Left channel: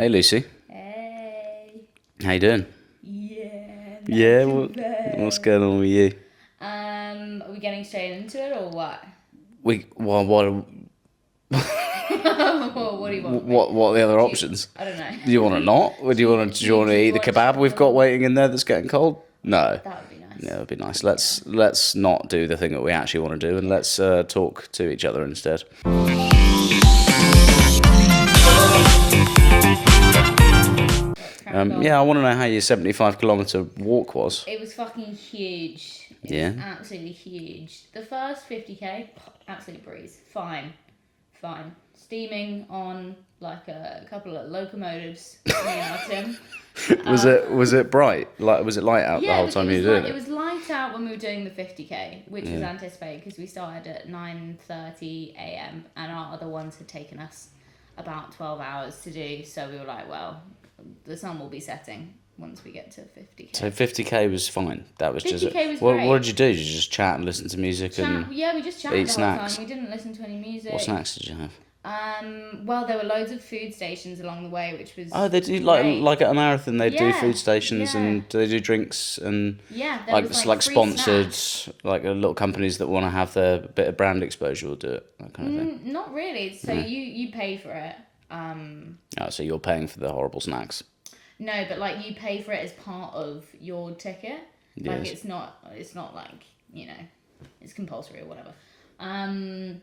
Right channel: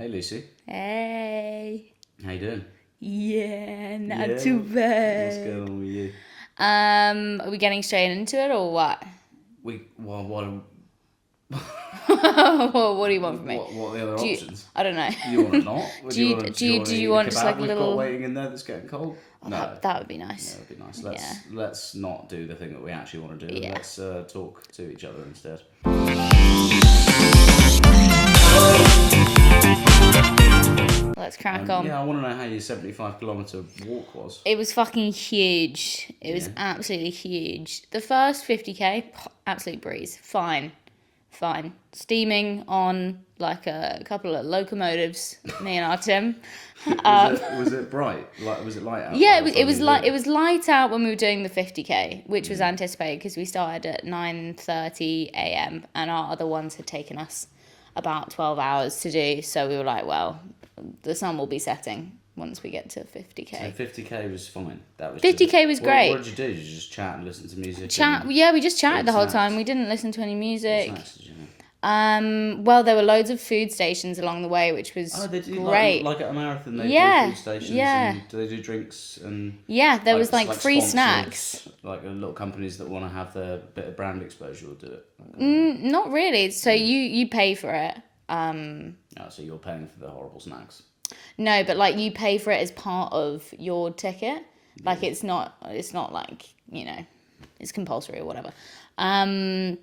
Hey, Lucy. Hey. How you doing? Yeah, not too bad. What's going on with you? Are we getting straight into it or what? What What do you want from me? are the other options? I don't know. Do you want to not? Or do you want to eat the kebab like we've got little... waiting in there that's getting cold? No. That would be nice. Yeah, it would be nice. Let's not do the thing that we actually want to do, and let's talk to each other instead. Let's crack on. Yeah, I want to know how your 75-kilometre walk was. It was fucking huge. It was absolutely huge. The first 50k, absolute breeze. Fine. Steaming on like a couple of locomotives, me and our Tim. Was it bright? Like, was it light out? Yeah, it was light out when we were doing the 50k, which was anticipated because we started at 9:30 a.m. and our other ones had taken us about 12 hours to do. So we were like, well, the sun will be setting once we get to 50k. So 50k was fine. That was 50k was great. What did you do? Did you just chat and listen to music? Yeah, we just chatted the whole snacks? time. We didn't listen to any music. What snacks did you have? Well, there were loads of food stations along the way, which was they do great. like at a marathon. They do food stations and they do drinks and there was like free sponsored, snacks. like little companies that want to have their bit of brand exposure will do it. That kind of thing. Not really. So you pay for it. So you're paying for the horrible snacks. No, but like you pay for it as part of your ticket. Like Yes. it's not like, it's compulsory or whatever.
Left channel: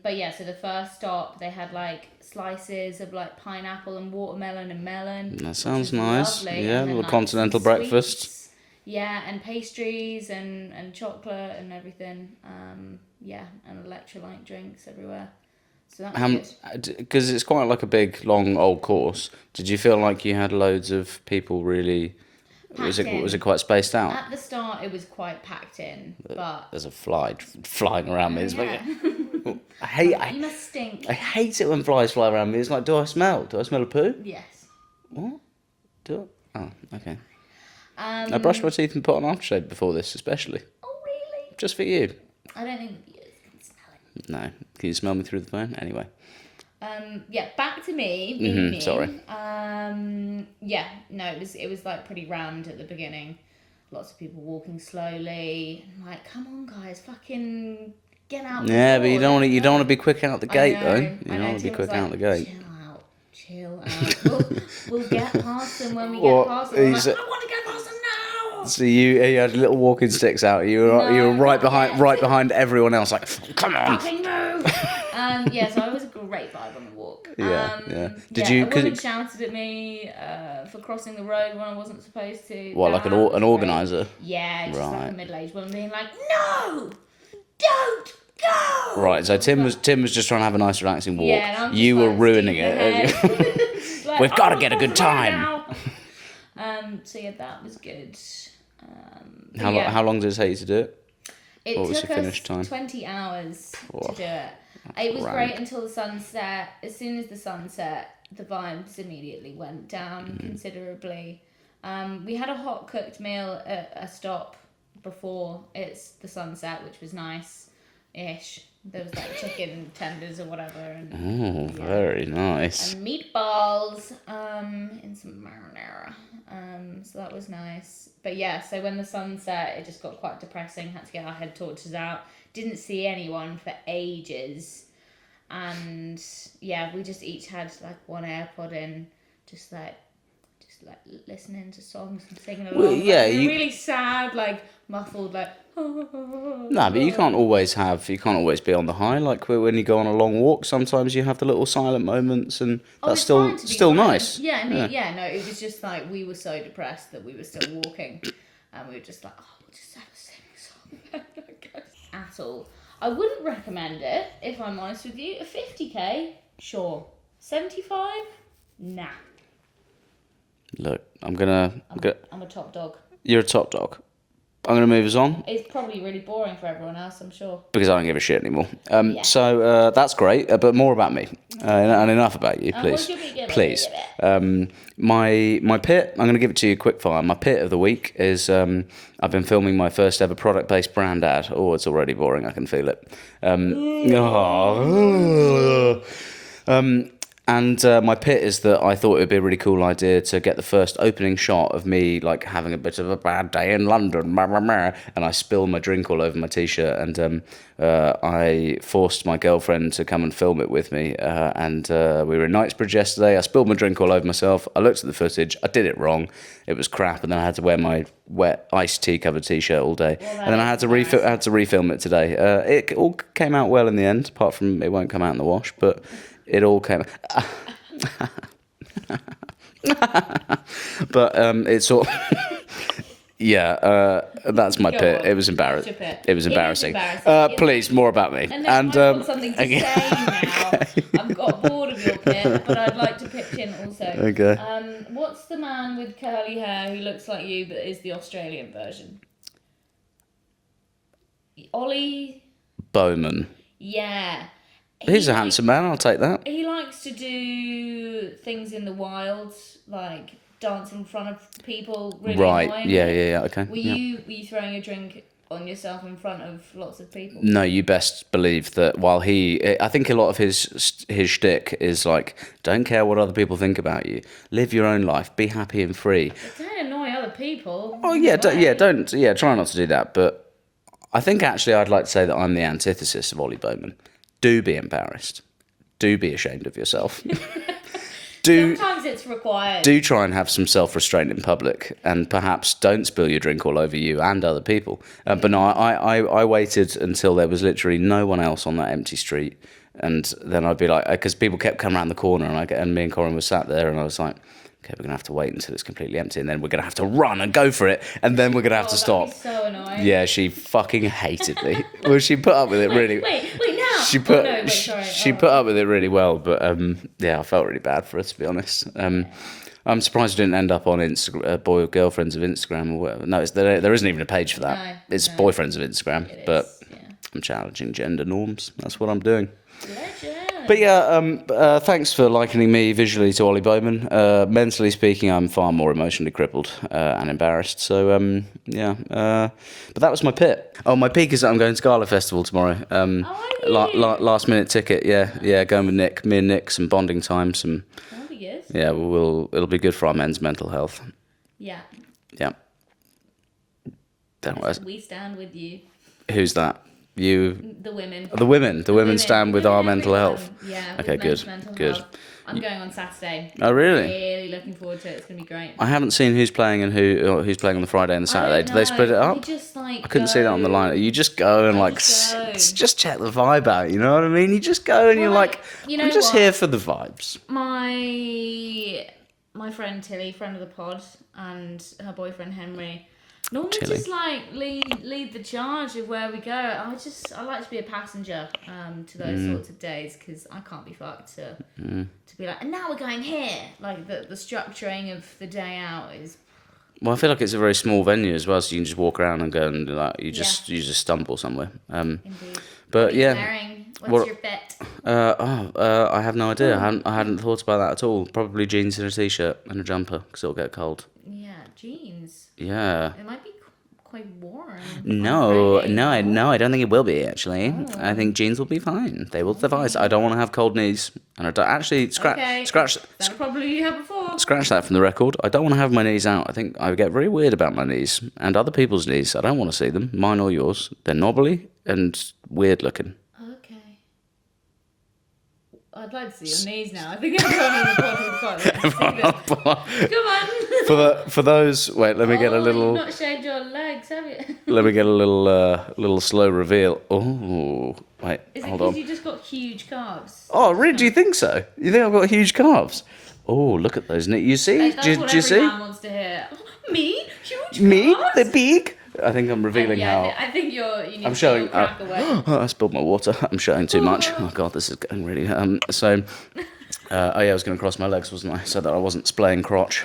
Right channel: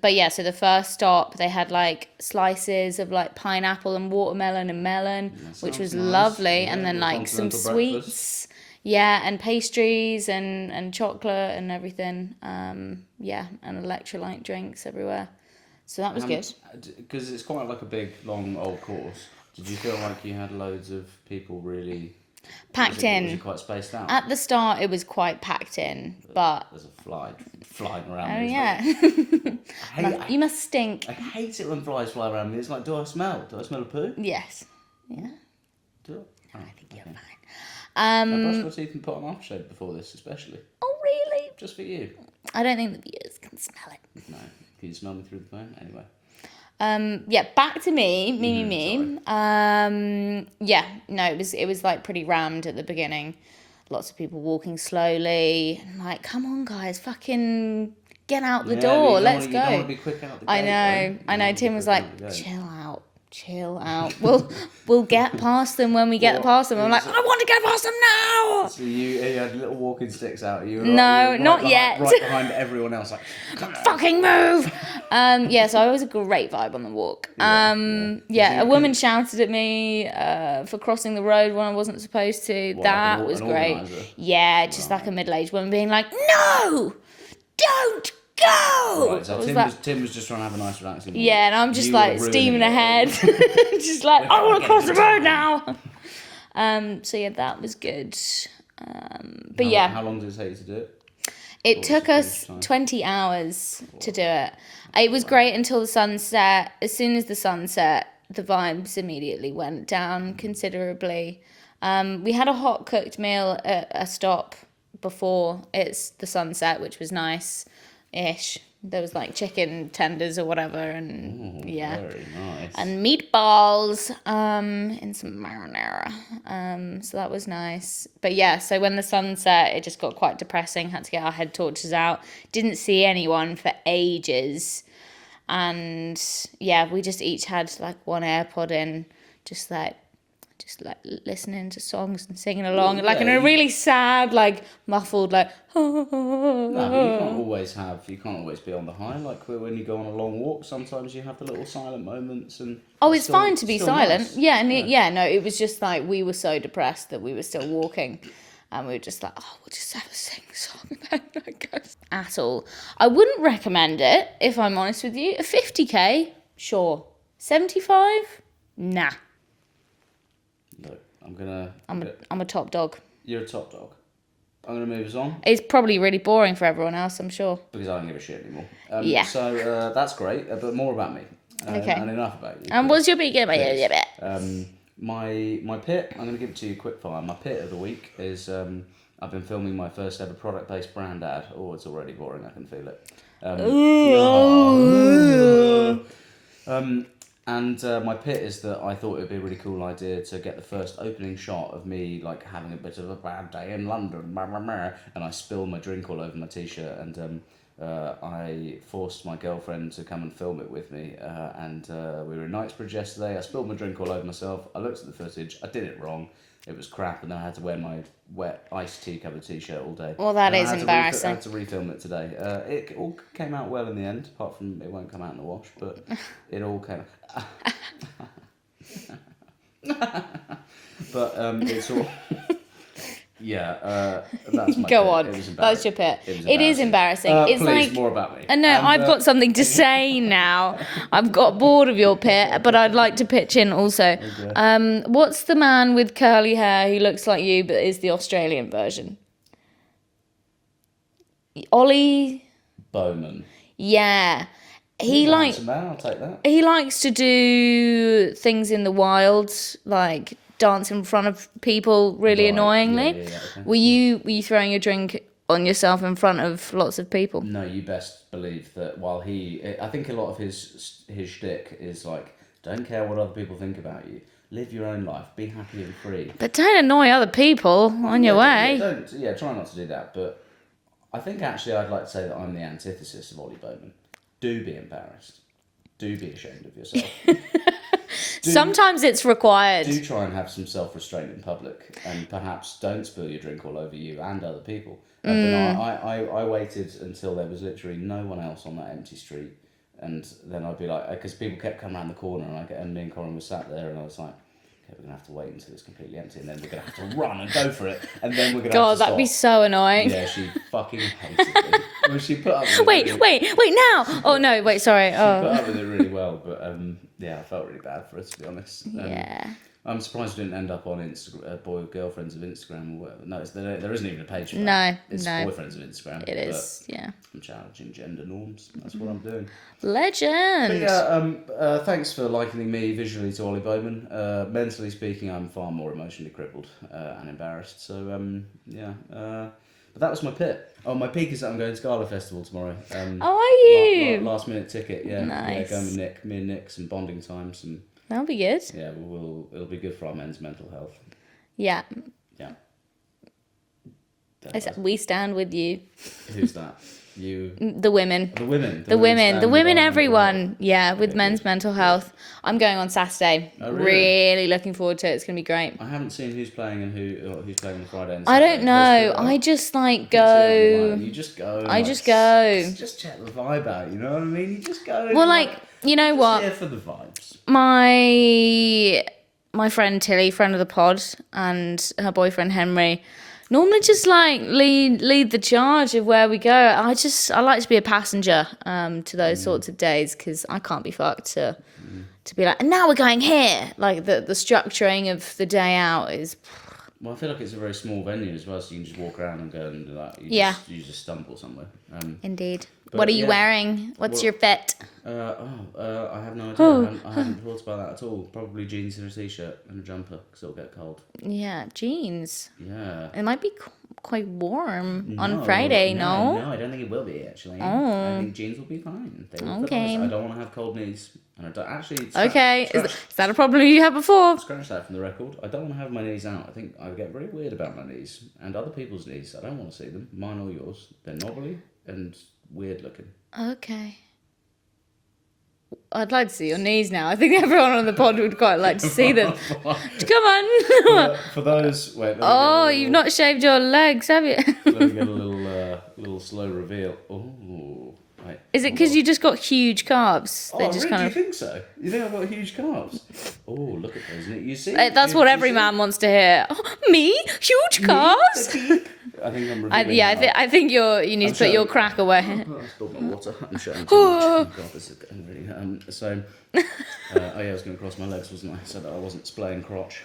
But yeah, so the first stop they had like slices of like pineapple and watermelon and melon, which was nice. lovely. Yeah, and then like continental some breakfast. Sweets, and pastries and chocolate and everything. And electrolyte drinks everywhere. So that was good. Because it's quite like a big, long, old course. Did you feel like you had loads of people really Packed in. Was it quite spaced out? At the start, it was quite packed in, but... There's a fly flying around me. Yeah. You must stink. I hate it when flies fly around me. It's like, do I smell a poo? Yes. What? Do I? Oh, okay. I I brushed my teeth and put on aftershave before this, especially. Oh, really? Just for you. I don't think the viewers can smell it. No. Can you smell me through the phone? Anyway. Back to me. Sorry. It was like pretty rammed at the beginning. Lots of people walking slowly. And like, come on, guys, fucking get out the door. Yeah, but you don't want to go. be quick out the gate, though. I know. Tim was like, chill out. We'll get past them when we get past them. I'm like, I want to get past them now. So you had little walking sticks out. You were right behind everyone else. Like, come on, fucking move. So it was a great vibe on the walk. A woman shouted at me for crossing the road when I wasn't supposed to. What, like an organizer? Yeah, just like a middle-aged woman being like, no, don't go. Right, so Tim was just trying to have a nice relaxing walk. Yeah, and I'm just like steaming ahead. Just like, we've got to get a good time now. That was good. How long did it take you to do it? It took us 20 hours to do it. It was great until the sunset. As soon as the sun set, the vibes immediately went down considerably. We had a hot cooked meal at a stop before it's the sunset, which was nice-ish. There was like chicken tenders or whatever, and very nice. And meatballs, in some marinara. So that was nice. But yeah, so when the sun set, it just got quite depressing. Had to get our head torches out. Didn't see anyone for ages, and we just each had like one AirPod in, just like listening to songs and singing along, in a really sad, like muffled, like. No, but you can't always be on the high. Like when you go on a long walk, sometimes you have the little silent moments, and it's fine to be silent. Nice. Yeah, and it was just like we were so depressed that we were still walking, and we were just like, we'll just have a sing song then, I guess. At all, I wouldn't recommend it if I'm honest with you. A 50k, sure. 75, nah. Look, I'm a top dog. You're a top dog. I'm going to move us on. It's probably really boring for everyone else, I'm sure. Because I don't give a shit anymore. So that's great, but more about me. And enough about you, And please. what's your bit? Please. My pit, I'm going to give it to you quick fire. My pit of the week is I've been filming my first ever product-based brand ad. Oh, it's already boring. I can feel it. And my pit is that I thought it would be a really cool idea to get the first opening shot of me like having a bit of a bad day in London, and I spill my drink all over my t-shirt, and I forced my girlfriend to come and film it with me, and we were in Knightsbridge yesterday. I spilled my drink all over myself. I looked at the footage. I did it wrong. It was crap, and then I had to wear my wet iced tea covered t-shirt all day. Well, that and then is I had embarrassing. I had to refilm it today. It all came out well in the end, apart from it won't come out in the wash, but it all came. But it's all. Yeah, that's my Go pit. on. It was embarrassing. That's your pit. It was It is embarrassing. embarrassing. It's Please, like- more about me. I know, And, I've got something to say now. I've got bored of your pit, but I'd like to pitch in also. Okay. What's the man with curly hair who looks like you but is the Australian version? Ollie? Bowman. Yeah. He's a handsome man. I'll take that. He likes to do things in the wild, like dance in front of people really Right. annoyingly. Yeah. Okay. Were you throwing your drink on yourself in front of lots of people? No, you best believe that while I think a lot of his shtick is like, don't care what other people think about you. Live your own life. Be happy and free. But don't annoy other people on your way. Try not to do that. But I think actually I'd like to say that I'm the antithesis of Ollie Bowman. Do be embarrassed. Do be ashamed of yourself. Sometimes it's required. Do try and have some self-restraint in public, and perhaps don't spill your drink all over you and other people. But no, I waited until there was literally no one else on that empty street, and then I'd be like, because people kept coming around the corner, and me and Corin were sat there, and I was like, okay, we're gonna have to wait until it's completely empty, and then we're gonna have to run and go for it, and then we're gonna have God, to stop. that'd be so annoying. Yeah, she fucking hated me. Well, she put up with it really. Wait now. Sorry. She put up with it really well, but yeah, I felt really bad for her, to be honest. I'm surprised I didn't end up on Instagram, boy or girlfriends of Instagram or whatever. No, there isn't even a page for that. No, It's no. boyfriends of Instagram. It But is, yeah. I'm challenging gender norms. That's what I'm doing. Legend. But yeah, thanks for likening me visually to Ollie Bowman. Mentally speaking, I'm far more emotionally crippled and embarrassed. So yeah, but that was my pit. Oh, my peak is that I'm going to Gala Festival tomorrow. Are you? Last minute ticket. Yeah, yeah, Nice. going with Nick. Me and Nick, some bonding time. That'll be good. Yeah, it'll be good for our men's mental health. Yeah. Yeah. We stand with you. Who's that? You. The women. The women. The women, stand with our mental everyone. health. Yeah, with Okay, men's good, mental good. health. I'm going on Saturday. Oh, really? Really looking forward to it. It's going to be great. I haven't seen who's playing and who's playing on the Friday and the I Saturday. don't Do they spread it know. up? I just like I go. couldn't see that on the line. You just go and I like just go. just check the vibe out. You know what I mean? You just go and Well, you're like, like, you know I'm just what? here for the vibes. My friend Tilly, friend of the pod, and her boyfriend Henry, normally just like lead the charge of where we go. I like to be a passenger to those sorts of days because I can't be fucked to be like, and now we're going here. Like the structuring of the day out is. Well, I feel like it's a very small venue as well, so you can just walk around and go and like you Yeah. just stumble somewhere. Indeed. But, What are you yeah. wearing? What's What- your fit? I have no idea. I hadn't thought about that at all. Probably jeans and a t-shirt and a jumper because it'll get cold. Yeah, jeans. Yeah. It might be quite warm No, on Friday. no, No, I don't think it will be actually. I think jeans will be fine. They will suffice. Okay. I don't want to have cold knees, and I don't actually Okay. scratch Is that a problem you had before? scratch that from the record. I don't want to have my knees out. I think I get very weird about my knees and other people's knees. I don't want to see them, mine or yours. They're knobbly and weird looking. Okay. I'd like to see your knees now. I think everyone on the pod would quite like to see them. Come on. For those, wait, let me get a Oh, little. you've not shaved your legs, have you? Let me get a little slow reveal. Oh, wait. Is it hold because on. you just got huge calves? They Oh, just really? kind Do you of- think so? You think I've got huge calves? Oh, look at those. You see? That's Do you- what do you every see? man wants to hear. Oh, me? Huge Me? calves? The pig? I think I'm revealing how. I think you need I'm to put your showing- crack away. Oh, I spilled my water. I'm showing too much. Oh god, this is going really. So, I was going to cross my legs, wasn't I? So that I wasn't splaying crotch.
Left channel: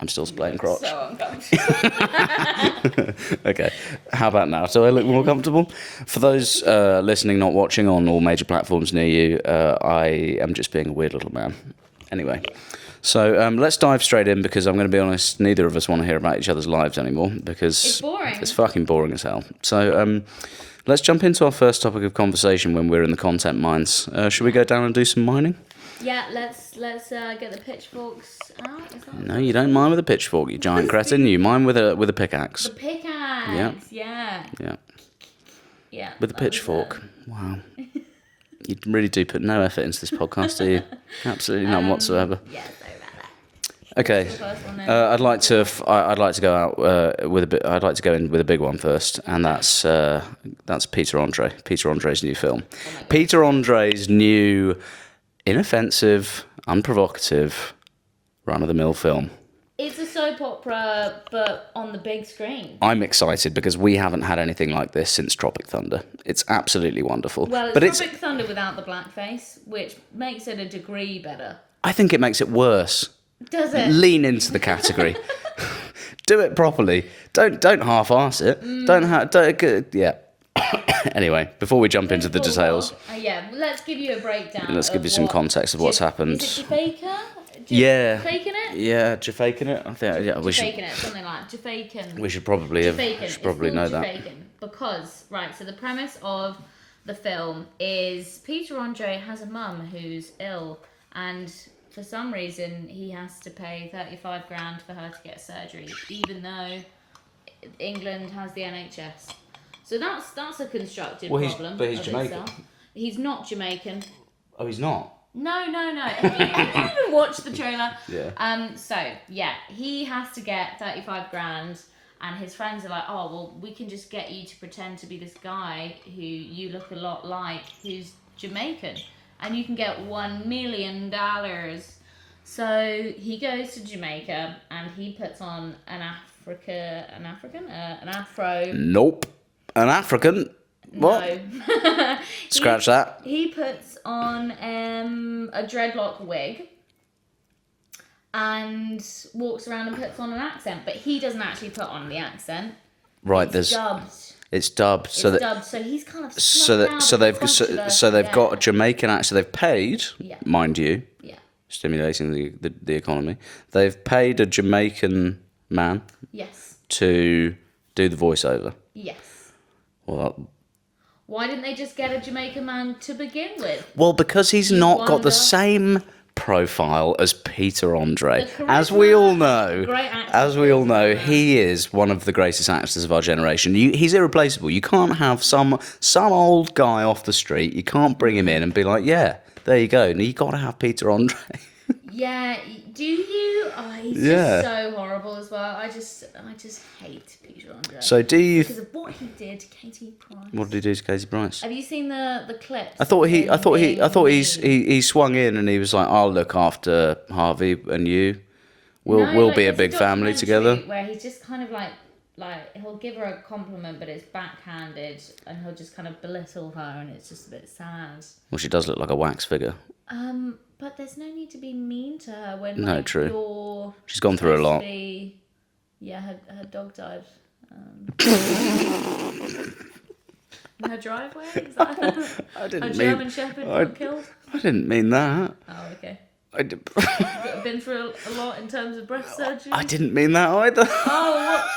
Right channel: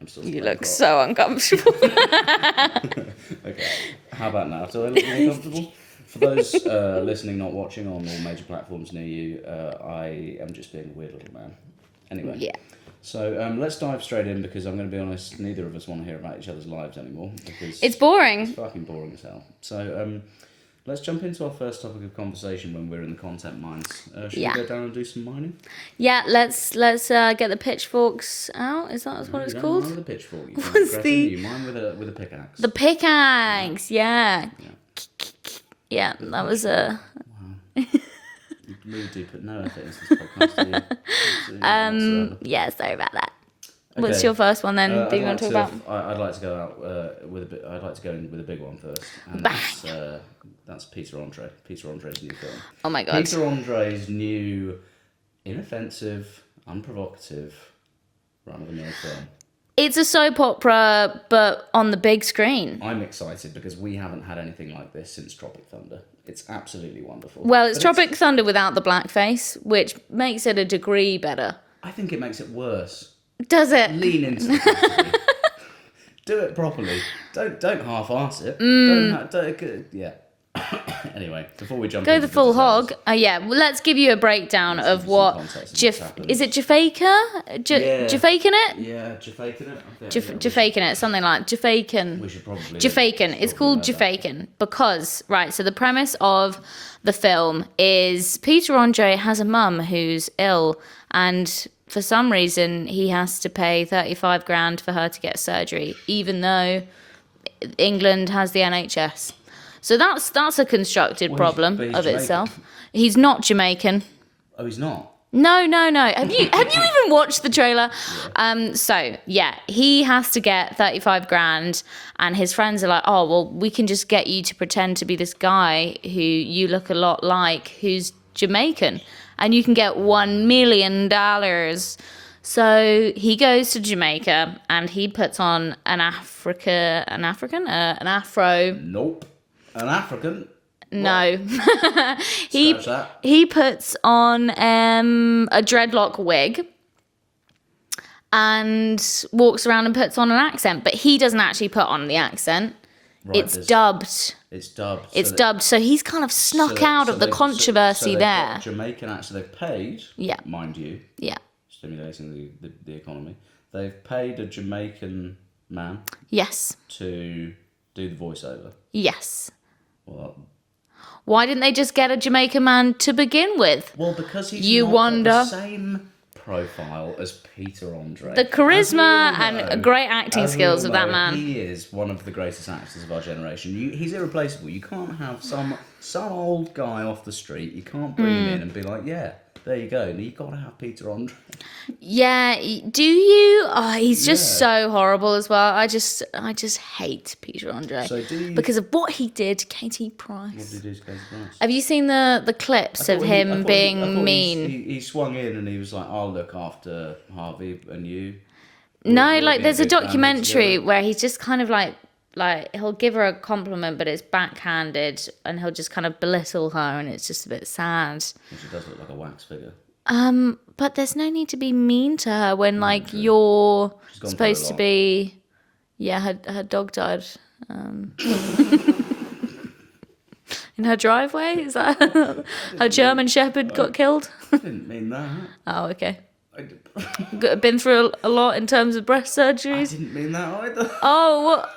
I'm still You splaying look crotch. so uncomfortable. Okay, how about now? Do I look more comfortable? For those listening, not watching on all major platforms near you, I am just being a weird little man. Anyway. Yeah. So let's dive straight in because I'm going to be honest, neither of us want to hear about each other's lives anymore because It's boring. It's fucking boring as hell. So let's jump into our first topic of conversation when we're in the content mines. Should we Yeah. go down and do some mining? Yeah, let's get the pitchforks out. Is that what No, you it's don't called? mine with a pitchfork, you giant What's cretin. the- You mine with a pickaxe. The pickaxe. Yeah. Yeah. With that a was pitchfork. Wow. You really do put no effort into this podcast, do you? Absolutely none whatsoever. Yeah, sorry about that. Okay. What's your first one then? I'd Do you like want to. talk about- I'd like to go out with a bit. I'd like to go in with a big one first, and that's Peter Andre. Peter Andre's new film. Oh my God. Peter Andre's new, inoffensive, unprovocative, run-of-the-mill film. It's a soap opera, but on the big screen. I'm excited because we haven't had anything like this since Tropic Thunder. It's absolutely wonderful. Well, it's But Tropic Thunder without the blackface, which makes it a degree better. I think it makes it worse. Does it? Lean into the category. Do it properly. Don't half-arse it. Yeah. Anyway, before we jump Go into the the full details, hog. Yeah, well, let's give you a breakdown Let's of give you what... some context of what's happened. Is it Jafaica? Yeah. Jafaican it? yeah, Jafaican it. I think Jafaican it, something like Jafaican. we should probably Jafaican. should It's probably called know that. Jafaican because, right, so the premise of the film is Peter Andre has a mum who's ill, and for some reason he has to pay 35 grand for her to get surgery, even though England has the NHS. So that's a constructed problem but he's of Jamaican. itself. He's not Jamaican. Oh, he's not. No. Have you even watched the trailer? So yeah, he has to get 35 grand, and his friends are like, oh well, we can just get you to pretend to be this guy who you look a lot like, who's Jamaican, and you can get $1 million. So he goes to Jamaica and he puts on an afro. Nope. An African. No. Scratch that. He puts on a dreadlock wig and walks around and puts on an accent, but he doesn't actually put on the accent. Right. It's dubbed. It's dubbed. It's dubbed. So he's kind of snuck out of the controversy So they've there. got a Jamaican accent. They've paid. Yeah. Mind you. Yeah. Stimulating the economy. They've paid a Jamaican man Yes. to do the voiceover. Yes. Well, Why didn't they just get a Jamaican man to begin with? because he's You not got wonder- the same profile as Peter Andre. The charisma As we all and know, great acting as skills we of all that know, man. he is one of the greatest actors of our generation. He's irreplaceable. You can't have some old guy off the street. You can't bring him in and be like, yeah, there you go. No, you got to have Peter Andre. Yeah, do you? Oh, he's just Yeah. so horrible as well. I just hate Peter Andre. So do you? Because of what he did to Katie Price. What did he do to Casey Price? Have you seen the clips I of thought him being I thought mean? he swung in and he was like, "I'll look after Harvey and you." We'll like be there's a big family documentary together." where he's just kind of like he'll give her a compliment, but it's backhanded, and he'll just kind of belittle her, and it's just a bit sad. Well, she does look like a wax figure. But there's no need to be mean to her when like true. you're She's gone through a supposed to lot. be. Yeah, her dog died. In her driveway? Is that a German Shepherd got killed? I didn't mean that. Oh, okay. I, d- Been through a lot in terms of breast surgeries. I didn't mean that either.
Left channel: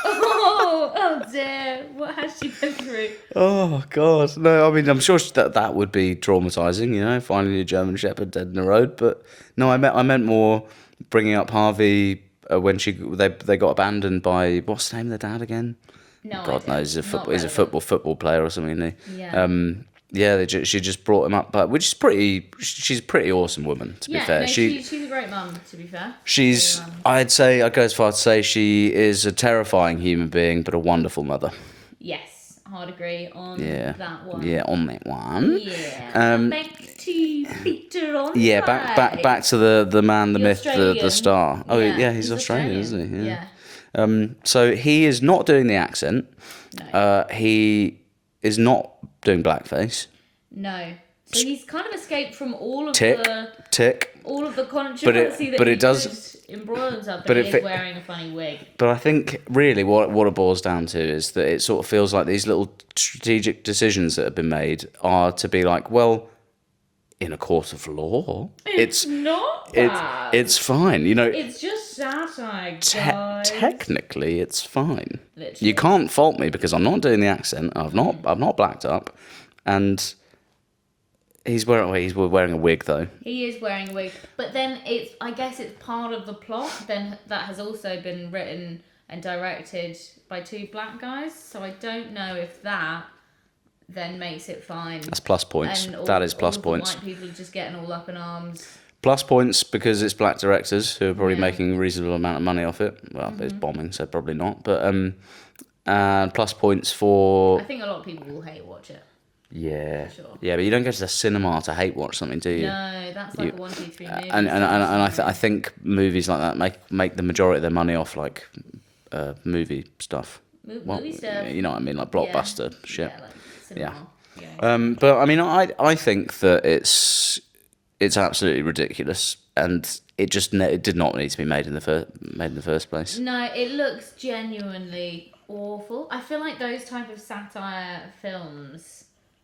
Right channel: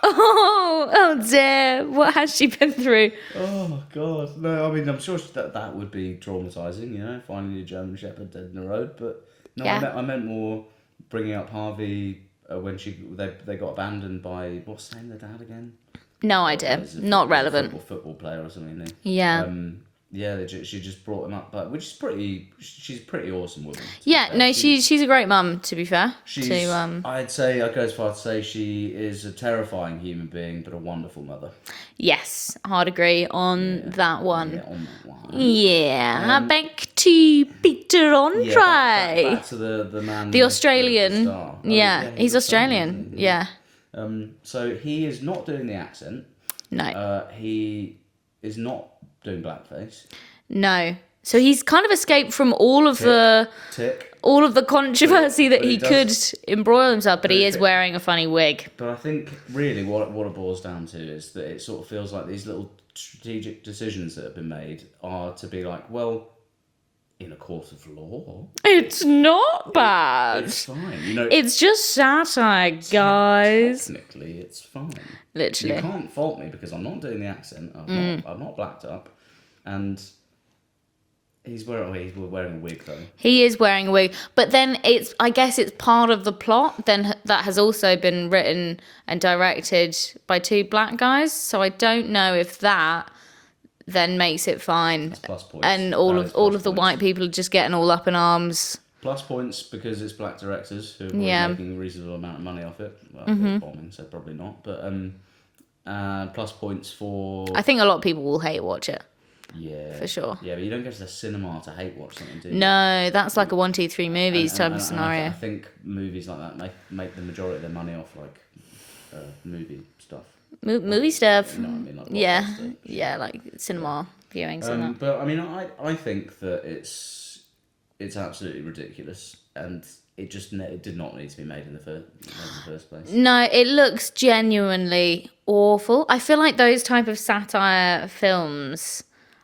Oh dear. What has she been through? Oh God, no. I mean, I'm sure that would be traumatizing. You know, finding a German Shepherd dead in the road. But no, Yeah. I meant more bringing up Harvey when they got abandoned by what's the name of the dad again? No God idea. knows, Not he's a relevant. football player or something. Isn't he? Yeah. Yeah, she just brought him up, but which is she's a pretty awesome woman. To be Yeah, fair. no, she's a great mum, to be fair. She's. To, I'd go as far to say she is a terrifying human being, but a wonderful mother. yes, hard agree on that one. Yeah, on that one. Yeah, back to Peter Andre. Yeah, back to the man, the myth, Australian. the star. Oh, Yeah, he's Australian. isn't he? Yeah. So he is not doing the accent. No. He is not doing blackface. No. So he's kind of escaped from all of Tick. all of the controversy but that he it does- could embroil himself, but he if is it- wearing a funny wig. But I think really what it boils down to is that it sort of feels like these little strategic decisions that have been made are to be like, well, in a court of law. It's not bad. It's fine. You know, It's just satire, guys. technically, it's fine. Literally. You can't fault me because I'm not doing the accent. I've not blacked up, and he's wearing a wig though. He is wearing a wig, but then I guess it's part of the plot. Then that has also been written and directed by 2 black guys. So I don't know if that then makes it fine. That's plus points. And all of the white people are just getting all up in arms. Plus points because it's black directors who are probably Yeah. making a reasonable amount of money off it. Well, it's bombing, so probably not. But plus points for... I think a lot of people will hate watch it. Yeah. For sure. Yeah, but you don't go to the cinema to hate watch something, do you? No, that's like a 1, 2, 3 movies type of scenario. I think movies like that make the majority of their money off like movie stuff. Movie stuff. You know what I mean, like blockbuster shit. Yeah, like cinema viewings. But I mean, I think that it's absolutely ridiculous, and it did not need to be made in the first place. No, it looks genuinely awful. I feel like those type of satire films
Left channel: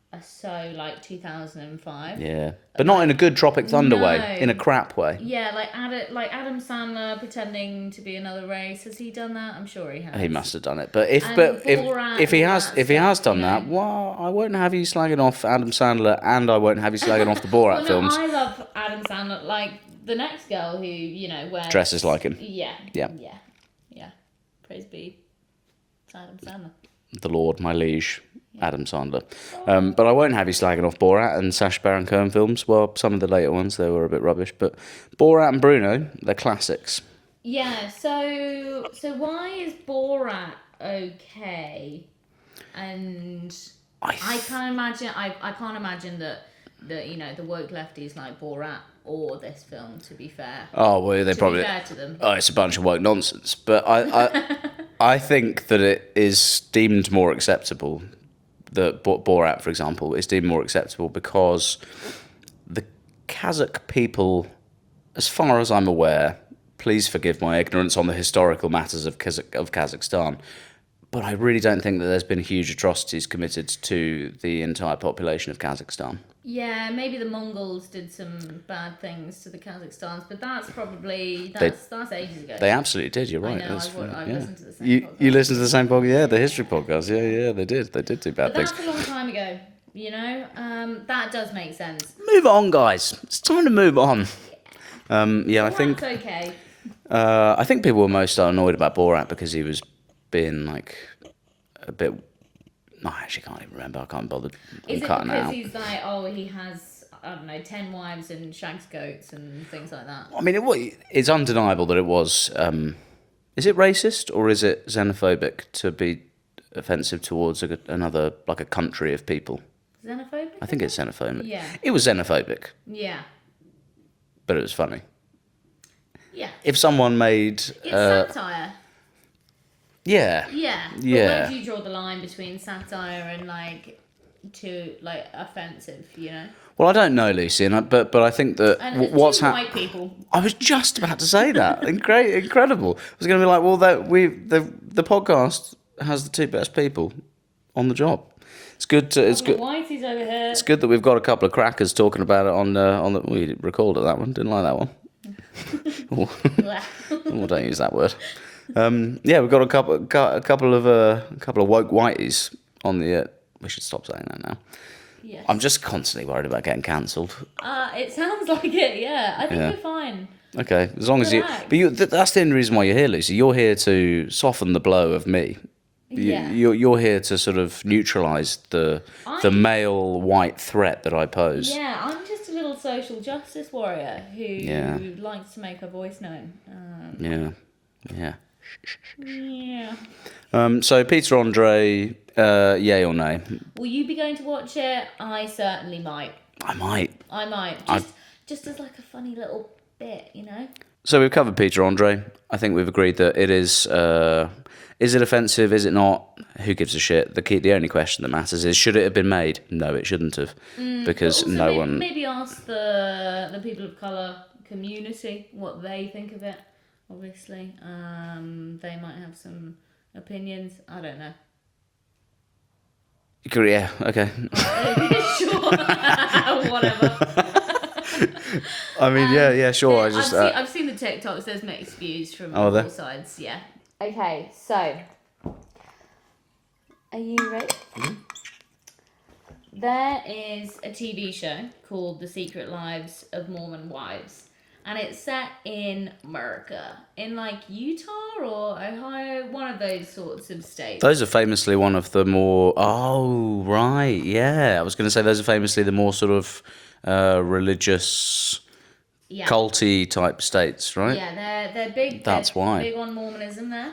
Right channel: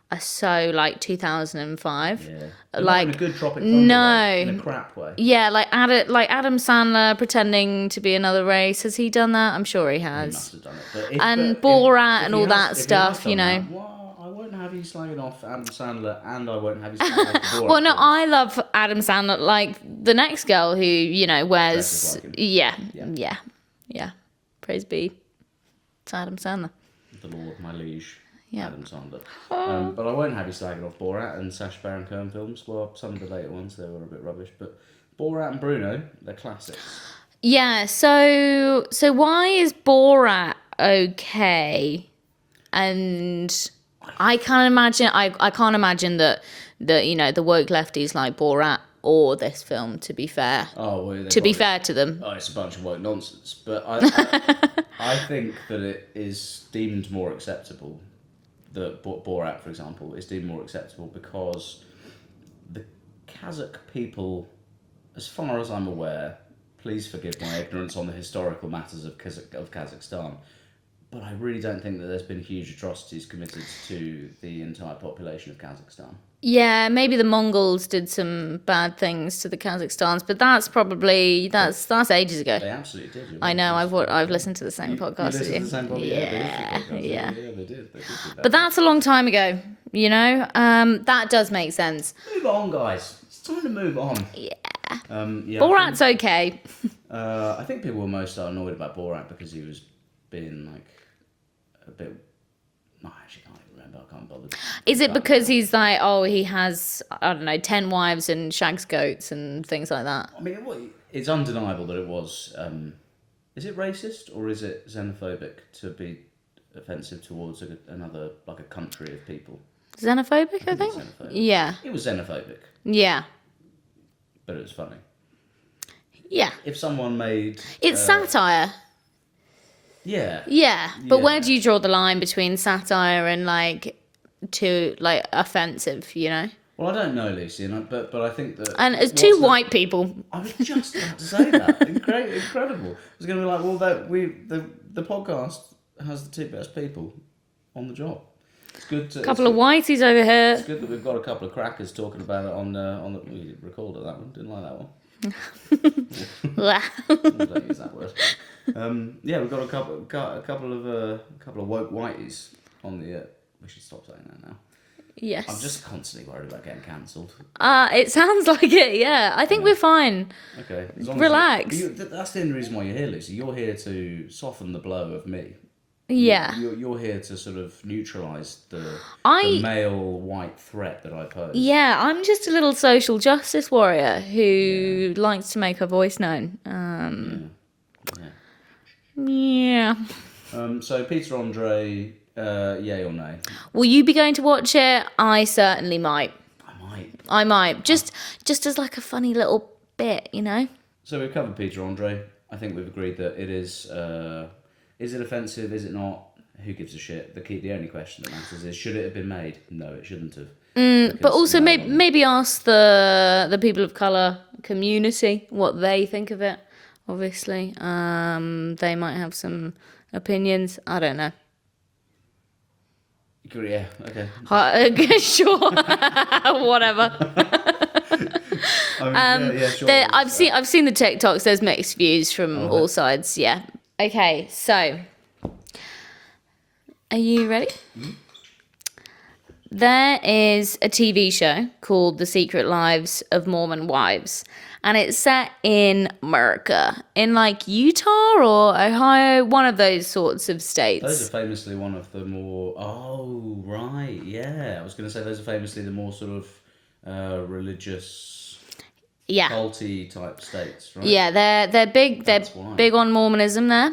are so like 2005. Yeah, but not in a good Tropic Thunder way, in a crap way. Yeah, like Adam Sandler pretending to be another race. Has he done that? I'm sure he has. He must have done it. But Borat if and he all has, that if he has stuff, done you know. that, well, I won't have you slagging off Adam Sandler, and I won't have you slagging off the Borat Well, no, films. I love Adam Sandler. Like the next girl who wears Dresses like him. Yeah. Yeah. Praise be to Adam Sandler. The Lord, my liege. Adam Sandler. But I won't have you slagging off Borat and Sacha Baron Cohen films. Well, some of the later ones, they were a bit rubbish. But Borat and Bruno, they're classics. Yeah, so why is Borat okay? And I can't imagine that the woke lefties like Borat or this film, to be fair. Oh, well, be fair to them. Oh, it's a bunch of woke nonsense. But I think that it is deemed more acceptable. That Borat, for example, is deemed more acceptable because the Kazakh people, as far as I'm aware, please forgive my ignorance on the historical matters of Kazakhstan, but I really don't think that there's been huge atrocities committed to the entire population of Kazakhstan. Yeah, maybe the Mongols did some bad things to the Kazakhstans, but that's ages ago. They absolutely did. You're right. I know. I've listened to the same podcast. You listened to the same podcast, yeah, the history podcast. Yeah, they did. They did do bad. But that's a long time ago. That does make sense. Move on, guys. It's time to move on. Yeah. Borat's okay. I think people were most annoyed about Borat because he was being like a bit. No, I actually can't even remember. I can't bother. Is it because he's like, he has, I don't know, 10 wives and shags goats and things like that? I mean, it's undeniable that it was. Is it racist or is it xenophobic to be offensive towards another, like a country of people? Xenophobic? I think it's xenophobic. Yeah. It was xenophobic. Yeah. But it was funny. Yeah. If someone made... It's satire. Yeah. Yeah. But where do you draw the line between satire and, offensive, Well, I don't know, Lucy, but I think that... And it's two white people. I was just about to say that. Incredible. I was going to be like, well, the podcast has the 2 best people on the job. It's good to... Couple of whiteys over here. It's good that we've got a couple of crackers talking about it on the... We recorded that one. Didn't like that one. Don't use that word. We've got a couple of woke whiteys on the... we should stop saying that now. Yes. I'm just constantly worried about getting cancelled. It sounds like it, yeah. I think we're fine. Okay, as long Relax. as you... But that's the only reason why you're here, Lucy. You're here to soften the blow of me. Yeah. You're here to sort of neutralise the male white threat that I pose. Yeah, I'm just a little social justice warrior who likes to make her voice known. Yeah. So Peter Andre, yay or nay? Will you be going to watch it? I certainly might. I might. Just as like a funny little bit, So we've covered Peter Andre. I think we've agreed that it is... is it offensive? Is it not? Who gives a shit? The only question that matters is, should it have been made? No, it shouldn't have. But also maybe ask the people of colour community what they think of it, obviously. They might have some opinions. I don't know. Yeah, okay. Sure. Whatever. I mean, yeah, sure. I've seen the TikToks. There's mixed views from all sides. Yeah. Okay, so are you ready? There is a TV show called The Secret Lives of Mormon Wives, and it's set in America, in like Utah or Ohio, one of those sorts of states. Those are famously one of the more. Oh, right, yeah. I was going to say those are famously the more sort of religious, culty type states, right? Yeah, they're big. That's they're why. big on Mormonism there.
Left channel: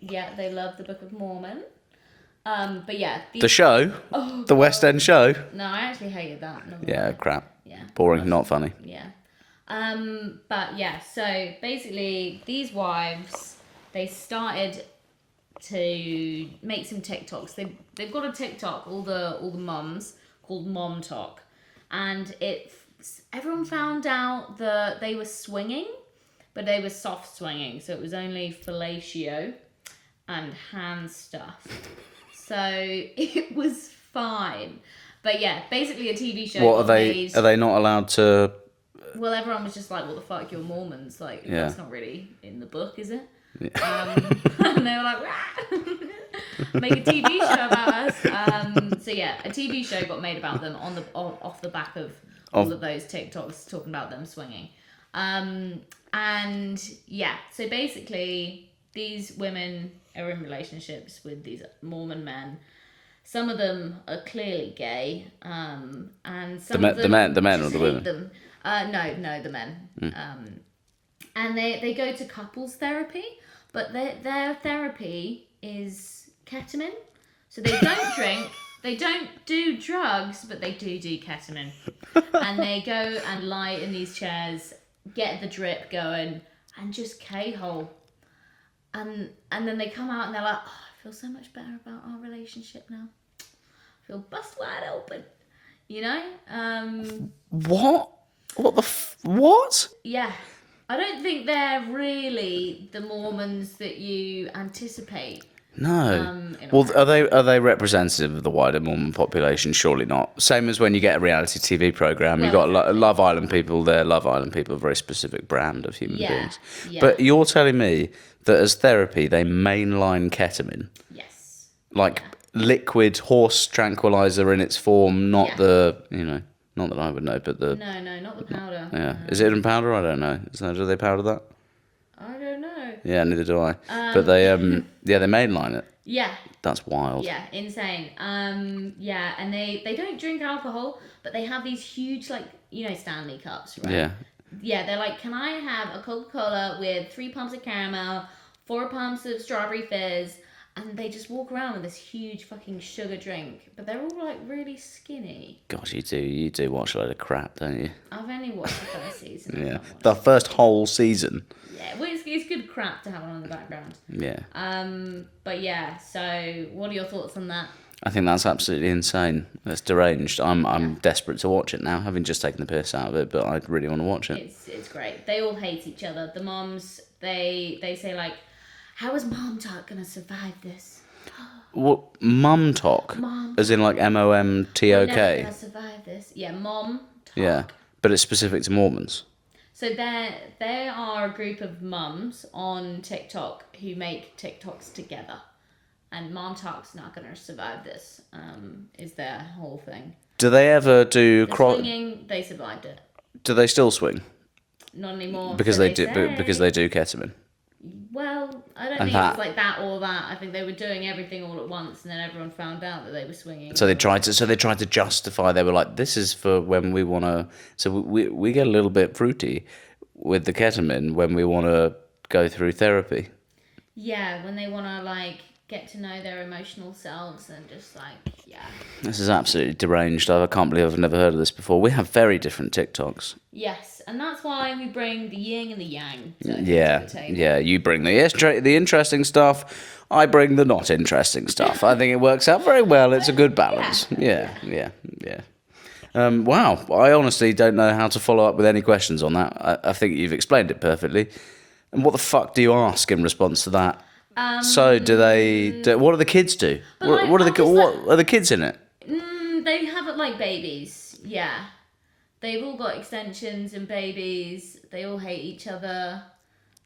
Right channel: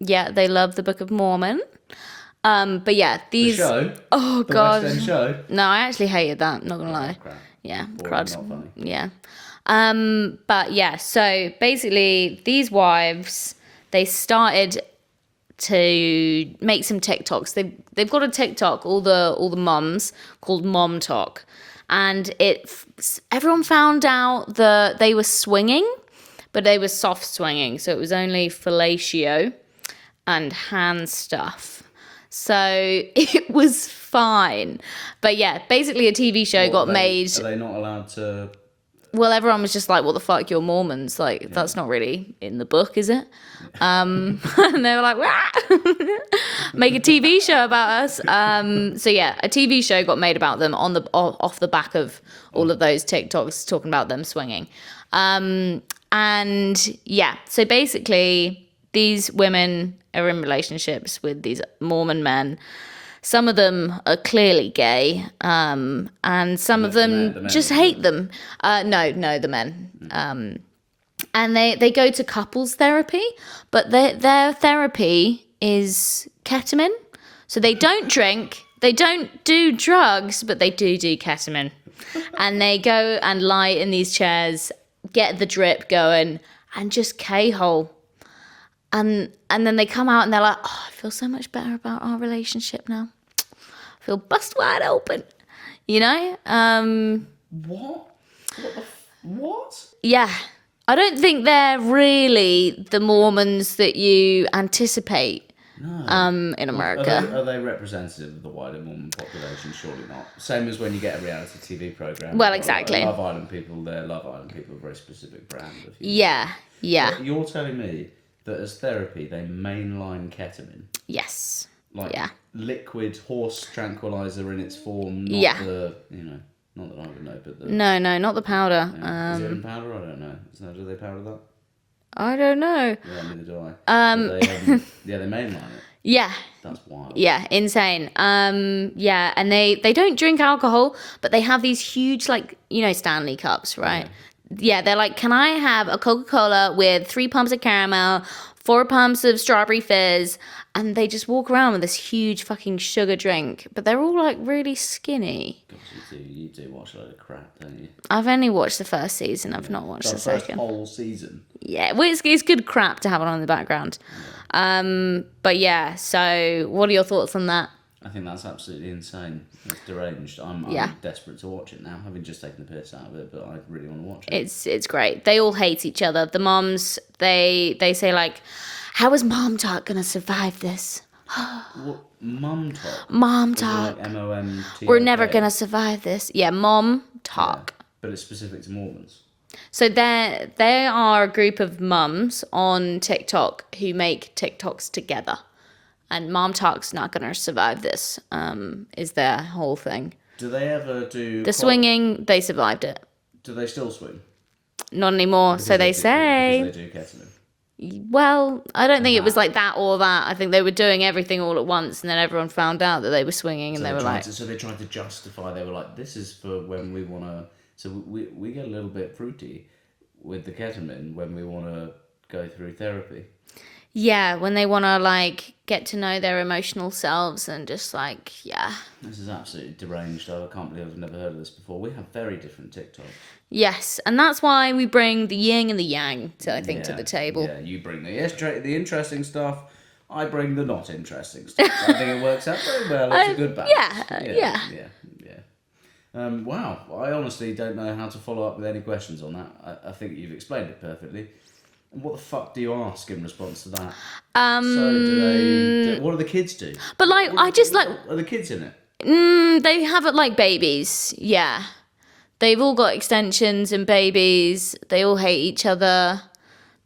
Yeah, they love the Book of Mormon. But yeah, these... The show? Oh, the God. West End show? No, I actually hated that, not gonna lie. Yeah, crap. Yeah. Boring, not funny. Yeah. But yeah, so basically these wives, they started to make some TikToks. They've got a TikTok, all the mums, called Mom Talk. And everyone found out that they were swinging, but they were soft swinging. So it was only fellatio and hand stuff. So it was fine. But yeah, basically a TV show got made. Are they not allowed to... Well, everyone was just like, what the fuck, you're Mormons. Like, that's not really in the book, is it? And they were like, make a TV show about us. So yeah, a TV show got made about them off the back of all of those TikToks talking about them swinging. And yeah, so basically these women are in relationships with these Mormon men. Some of them are clearly gay, and some of them just hate them. No, the men. And they go to couples therapy, but their therapy is ketamine. So they don't drink, they don't do drugs, but they do ketamine. And they go and lie in these chairs, get the drip going, and just K-hole. And then they come out and they're like, oh, I feel so much better about our relationship now. I feel bust wide open, you know? What? What? Yeah. I don't think they're really the Mormons that you anticipate. No. In America. Well, are they representative of the wider Mormon population? Surely not. Same as when you get a reality TV program. Well, You've got exactly. Love Island people. They're Love Island people, a very specific brand of human beings. Yeah. But you're telling me that as therapy, they mainline ketamine? Yes. Like liquid horse tranquilizer in its form, not the, not that I would know, but the... No, not the powder. Yeah. Is it in powder? I don't know. Do they powder that? I don't know. Yeah, neither do I. But they, they mainline it. Yeah. That's wild. Yeah, insane. Yeah, and they don't drink alcohol, but they have these huge, like, Stanley cups, right? Yeah. Yeah, they're like, can I have a Coca-Cola with 3 pumps of caramel, 4 pumps of strawberry fizz? And they just walk around with this huge fucking sugar drink. But they're all like really skinny. God, you do watch a load of crap, don't you? I've only watched the first season. I've not watched the first second. whole season. Yeah, well, it's good crap to have it on in the background. Yeah. But yeah, so what are your thoughts on that? I think that's absolutely insane. That's deranged. I'm desperate to watch it now, having just taken the piss out of it, but I really want to watch it. It's great. They all hate each other. The moms, they say like, how is Mom Talk gonna survive this? What? Mum Talk? Mom Talk. As in like MOMTOK? We're never gonna survive this. Yeah, Mom Talk. Yeah, but it's specific to Mormons. So they are a group of mums on TikTok who make TikToks together. And Mom Talk's not gonna survive this, is their whole thing. Do they ever do... swinging, they survived it. Do they still swing? Not anymore, Because so they say. Because they do ketamine. Well, I don't think it was like that or that. I think they were doing everything all at once, and then everyone found out that they were swinging. So they tried to justify. They were like, "This is for when we want to." So we get a little bit fruity with the ketamine when we want to go through therapy. Yeah, when they want to like get to know their emotional selves and just like, yeah. This is absolutely deranged. I can't believe I've never heard of this before. We have very different TikToks. Yes, and that's why we bring the yin and the yang to the table. Yeah, you bring the interesting stuff. I bring the not interesting stuff. I think it works out very well. It's a good balance. Yeah. Wow, I honestly don't know how to follow up with any questions on that. I think you've explained it perfectly. And what the fuck do you ask in response to that? So what do the kids do? But what are the kids in it? They have it like babies, yeah. They've all got extensions and babies. They all hate each other.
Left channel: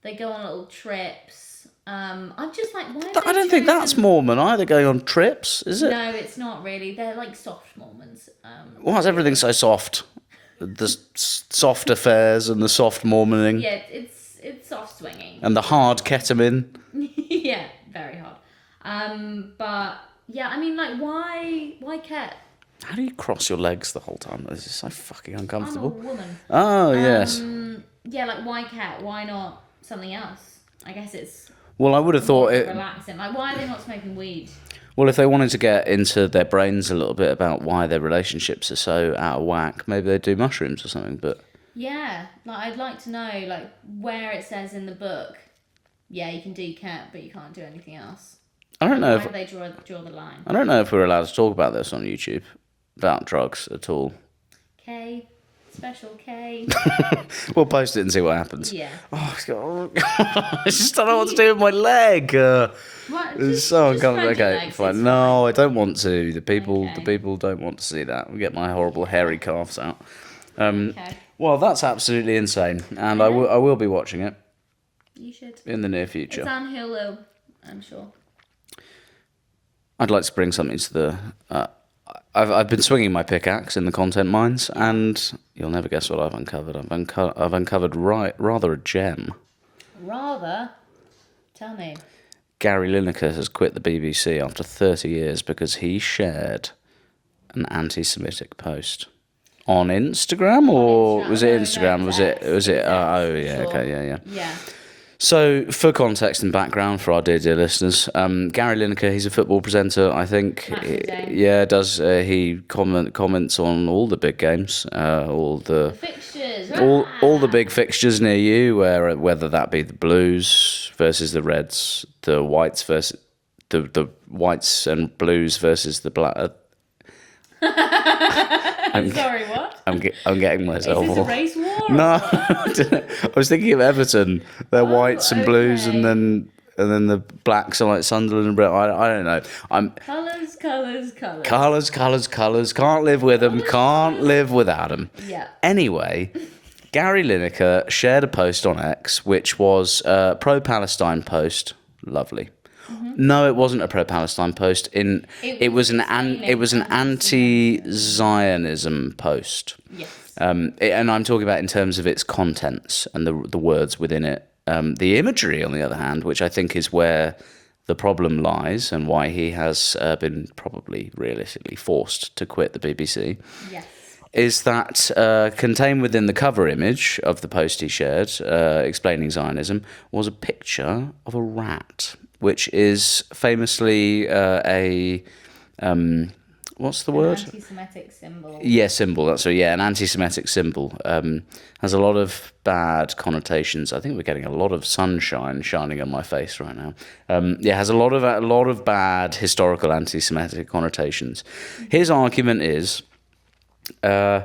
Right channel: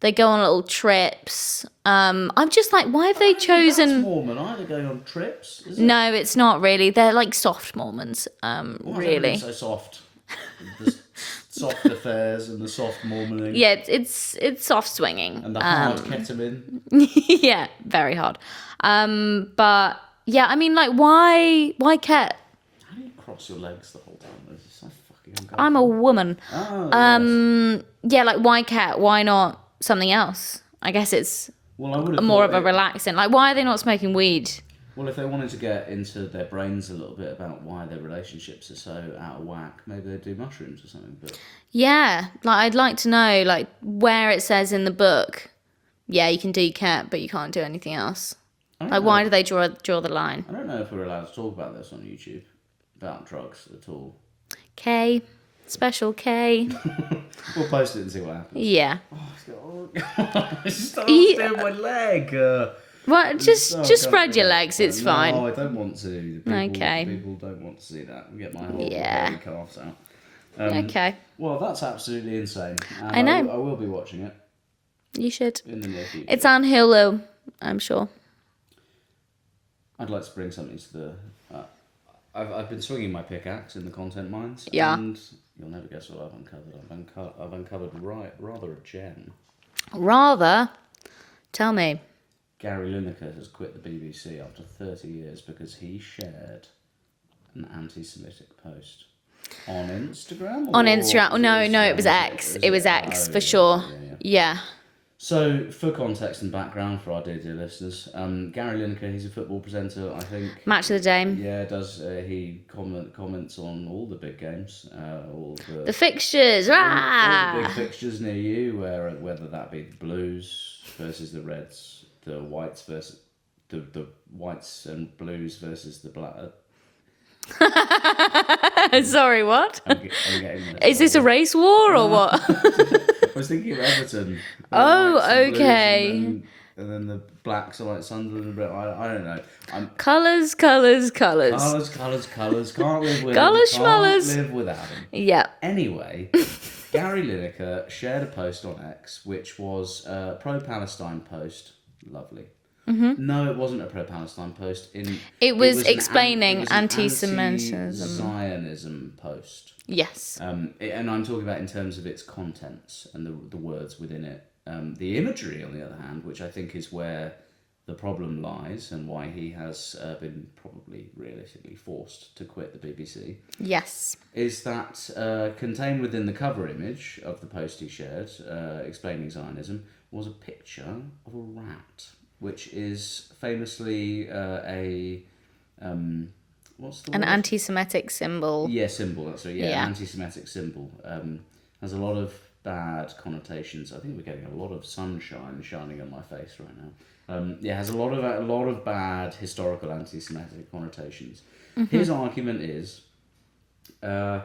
They go on little trips. I'm just like, why have they chosen? I don't think that's Mormon either, going on trips, is it? No, it's not really. They're like soft Mormons. Why is everything so soft? The soft affairs and the soft Mormoning. Yeah, it's soft swinging. And the hard ketamine. Yeah, very hard. But yeah, I mean, like, why cat? How do you cross your legs the whole time? This is so fucking uncomfortable. I'm a woman. Oh, yes. Yeah, like, why cat? Why not something else? I guess it's Well, I would have more thought of a relaxing. Like, why are they not smoking weed? Well, if they wanted to get into their brains a little bit about why their relationships are so out of whack, maybe they'd do mushrooms or something. But yeah, like, I'd like to know, like, where it says in the book, yeah, you can do cat, but you can't do anything else. I don't Like, know. why do they draw the line? I don't know if we're allowed to talk about this on YouTube, about drugs at all. K, special K. We'll post it and see what happens. Yeah. Oh, I just don't know what to do with my leg. What? It's Just so spread uncomfortable. your Okay, legs. It's No, fine. I don't want to. The Okay. people don't want to see that. We get my horrible Yeah. hairy calves out. Okay. Well, that's absolutely insane, and I know. I will be watching it You should. in the near future. It's on Hulu, I'm sure. I'd like to bring something to the. I've been swinging my pickaxe in the content mines, Yeah. and you'll never guess what I've uncovered. I've uncovered rather a gem. Rather, tell me. Gary Lineker has quit the BBC after 30 years because he shared an anti-Semitic post on Instagram. Or On Instagram. Was No, it no, it was X. It was X, for sure. Okay, yeah. Yeah. So, for context and background for our dear listeners, Gary Lineker, he's a football presenter, I think. Match of the day. Yeah, does. He comments on all the big games, all The fixtures. all the big fixtures near you, whether that be the Blues versus the Reds, the Whites versus the Whites and Blues versus the Black. Sorry, what? I'm getting myself. Is this a race war or what? I was thinking of Everton. The Whites and Blues, and then the Blacks are like Sunderland and Brentford. I don't know. Colours. Colours. Can't live with them. Colours, Can't schmollers. live without them. Yeah. Anyway, Gary Lineker shared a post on X, which was a pro-Palestine post. Lovely. Mm-hmm. No, it wasn't a pro-Palestine post. It was explaining it was an anti-Semitism. anti-Zionism post. Yes. And I'm talking about in terms of its contents and the words within it. The imagery, on the other hand, which I think is where the problem lies and why he has been probably realistically forced to quit the BBC. Yes. Is that contained within the cover image of the post he shared explaining Zionism was a picture of a rat, which is famously what's the word? An anti-Semitic symbol. Yeah, symbol. That's an Yeah. anti-Semitic symbol. Has a lot of bad connotations. I think we're getting a lot of sunshine shining on my face right now. Has a lot of bad historical anti-Semitic connotations. Mm-hmm. His argument is, I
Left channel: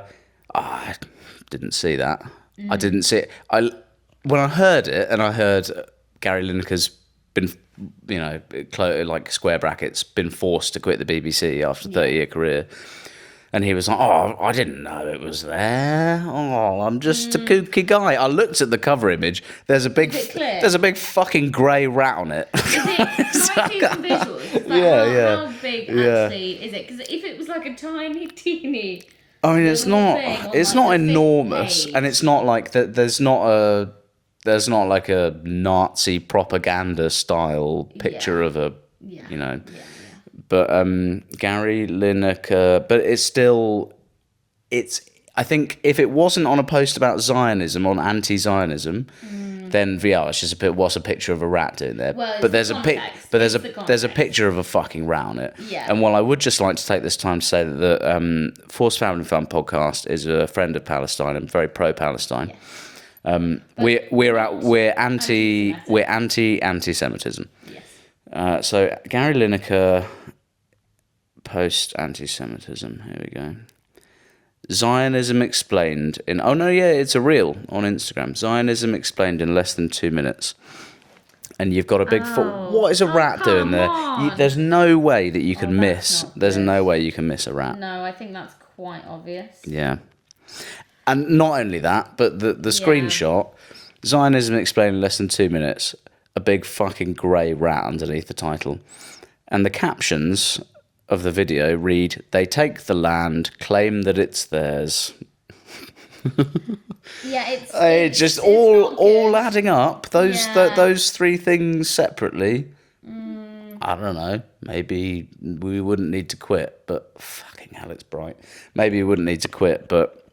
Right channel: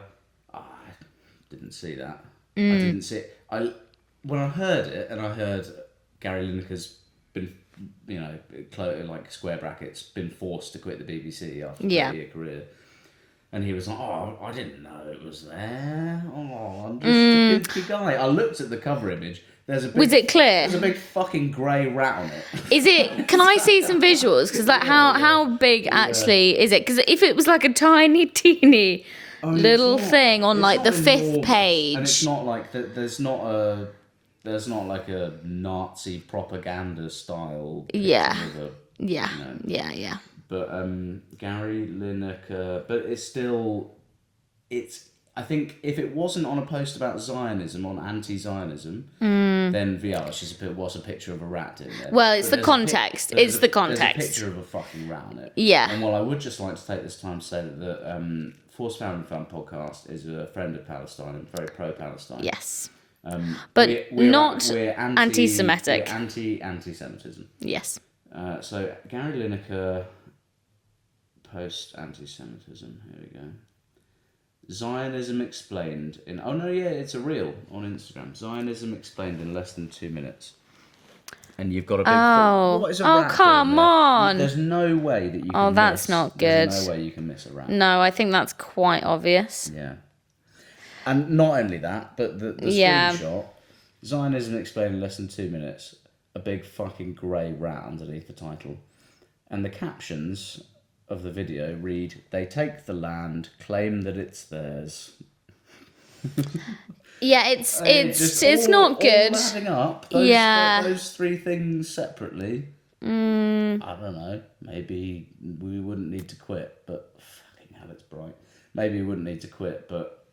didn't see that. I didn't see it. When I heard it, and I heard Gary Lineker's been, like square brackets, been forced to quit the BBC after a 30-year career. And he was like, oh, I didn't know it was there. Oh, I'm just a kooky guy. I looked at the cover image. Was it clear? There's a big fucking grey rat on it. Is it? Can I see some visuals? Because how big actually is it? Because if it was like a tiny, teeny little thing on like the fifth page, and it's not like that. There's not like a Nazi propaganda style picture of a. Yeah. Yeah. But Gary Lineker, but I think if it wasn't on a post about Zionism, on anti-Zionism, then it's just what's a picture of a rat doing there? Well, it's the context. It's the context. There's a picture of a fucking rat on it. Yeah. And while I would just like to take this time to say that the Forced Family Fun podcast is a friend of Palestine and very pro-Palestine. Yes. But we're anti-Semitic. We're anti-Semitism. Yes. So Gary Lineker post anti-Semitism. Here we go. Zionism explained in. Oh no, yeah, it's a reel on Instagram. Zionism explained in less than 2 minutes. And you've got a big. What is a rat doing there? On. There's no way that you can that's miss. not There's good. no way you can miss a rat. No, I think that's quite obvious. Yeah. And not only that, but the screenshot, Zionism explained in less than 2 minutes, a big fucking grey rat underneath the title. And the captions of the video read, "They take the land, claim that it's theirs." Yeah, it's all not good. All adding up, those three things separately. I don't know. Maybe we wouldn't need to quit, but fucking hell, it's bright. Maybe we wouldn't need to quit, but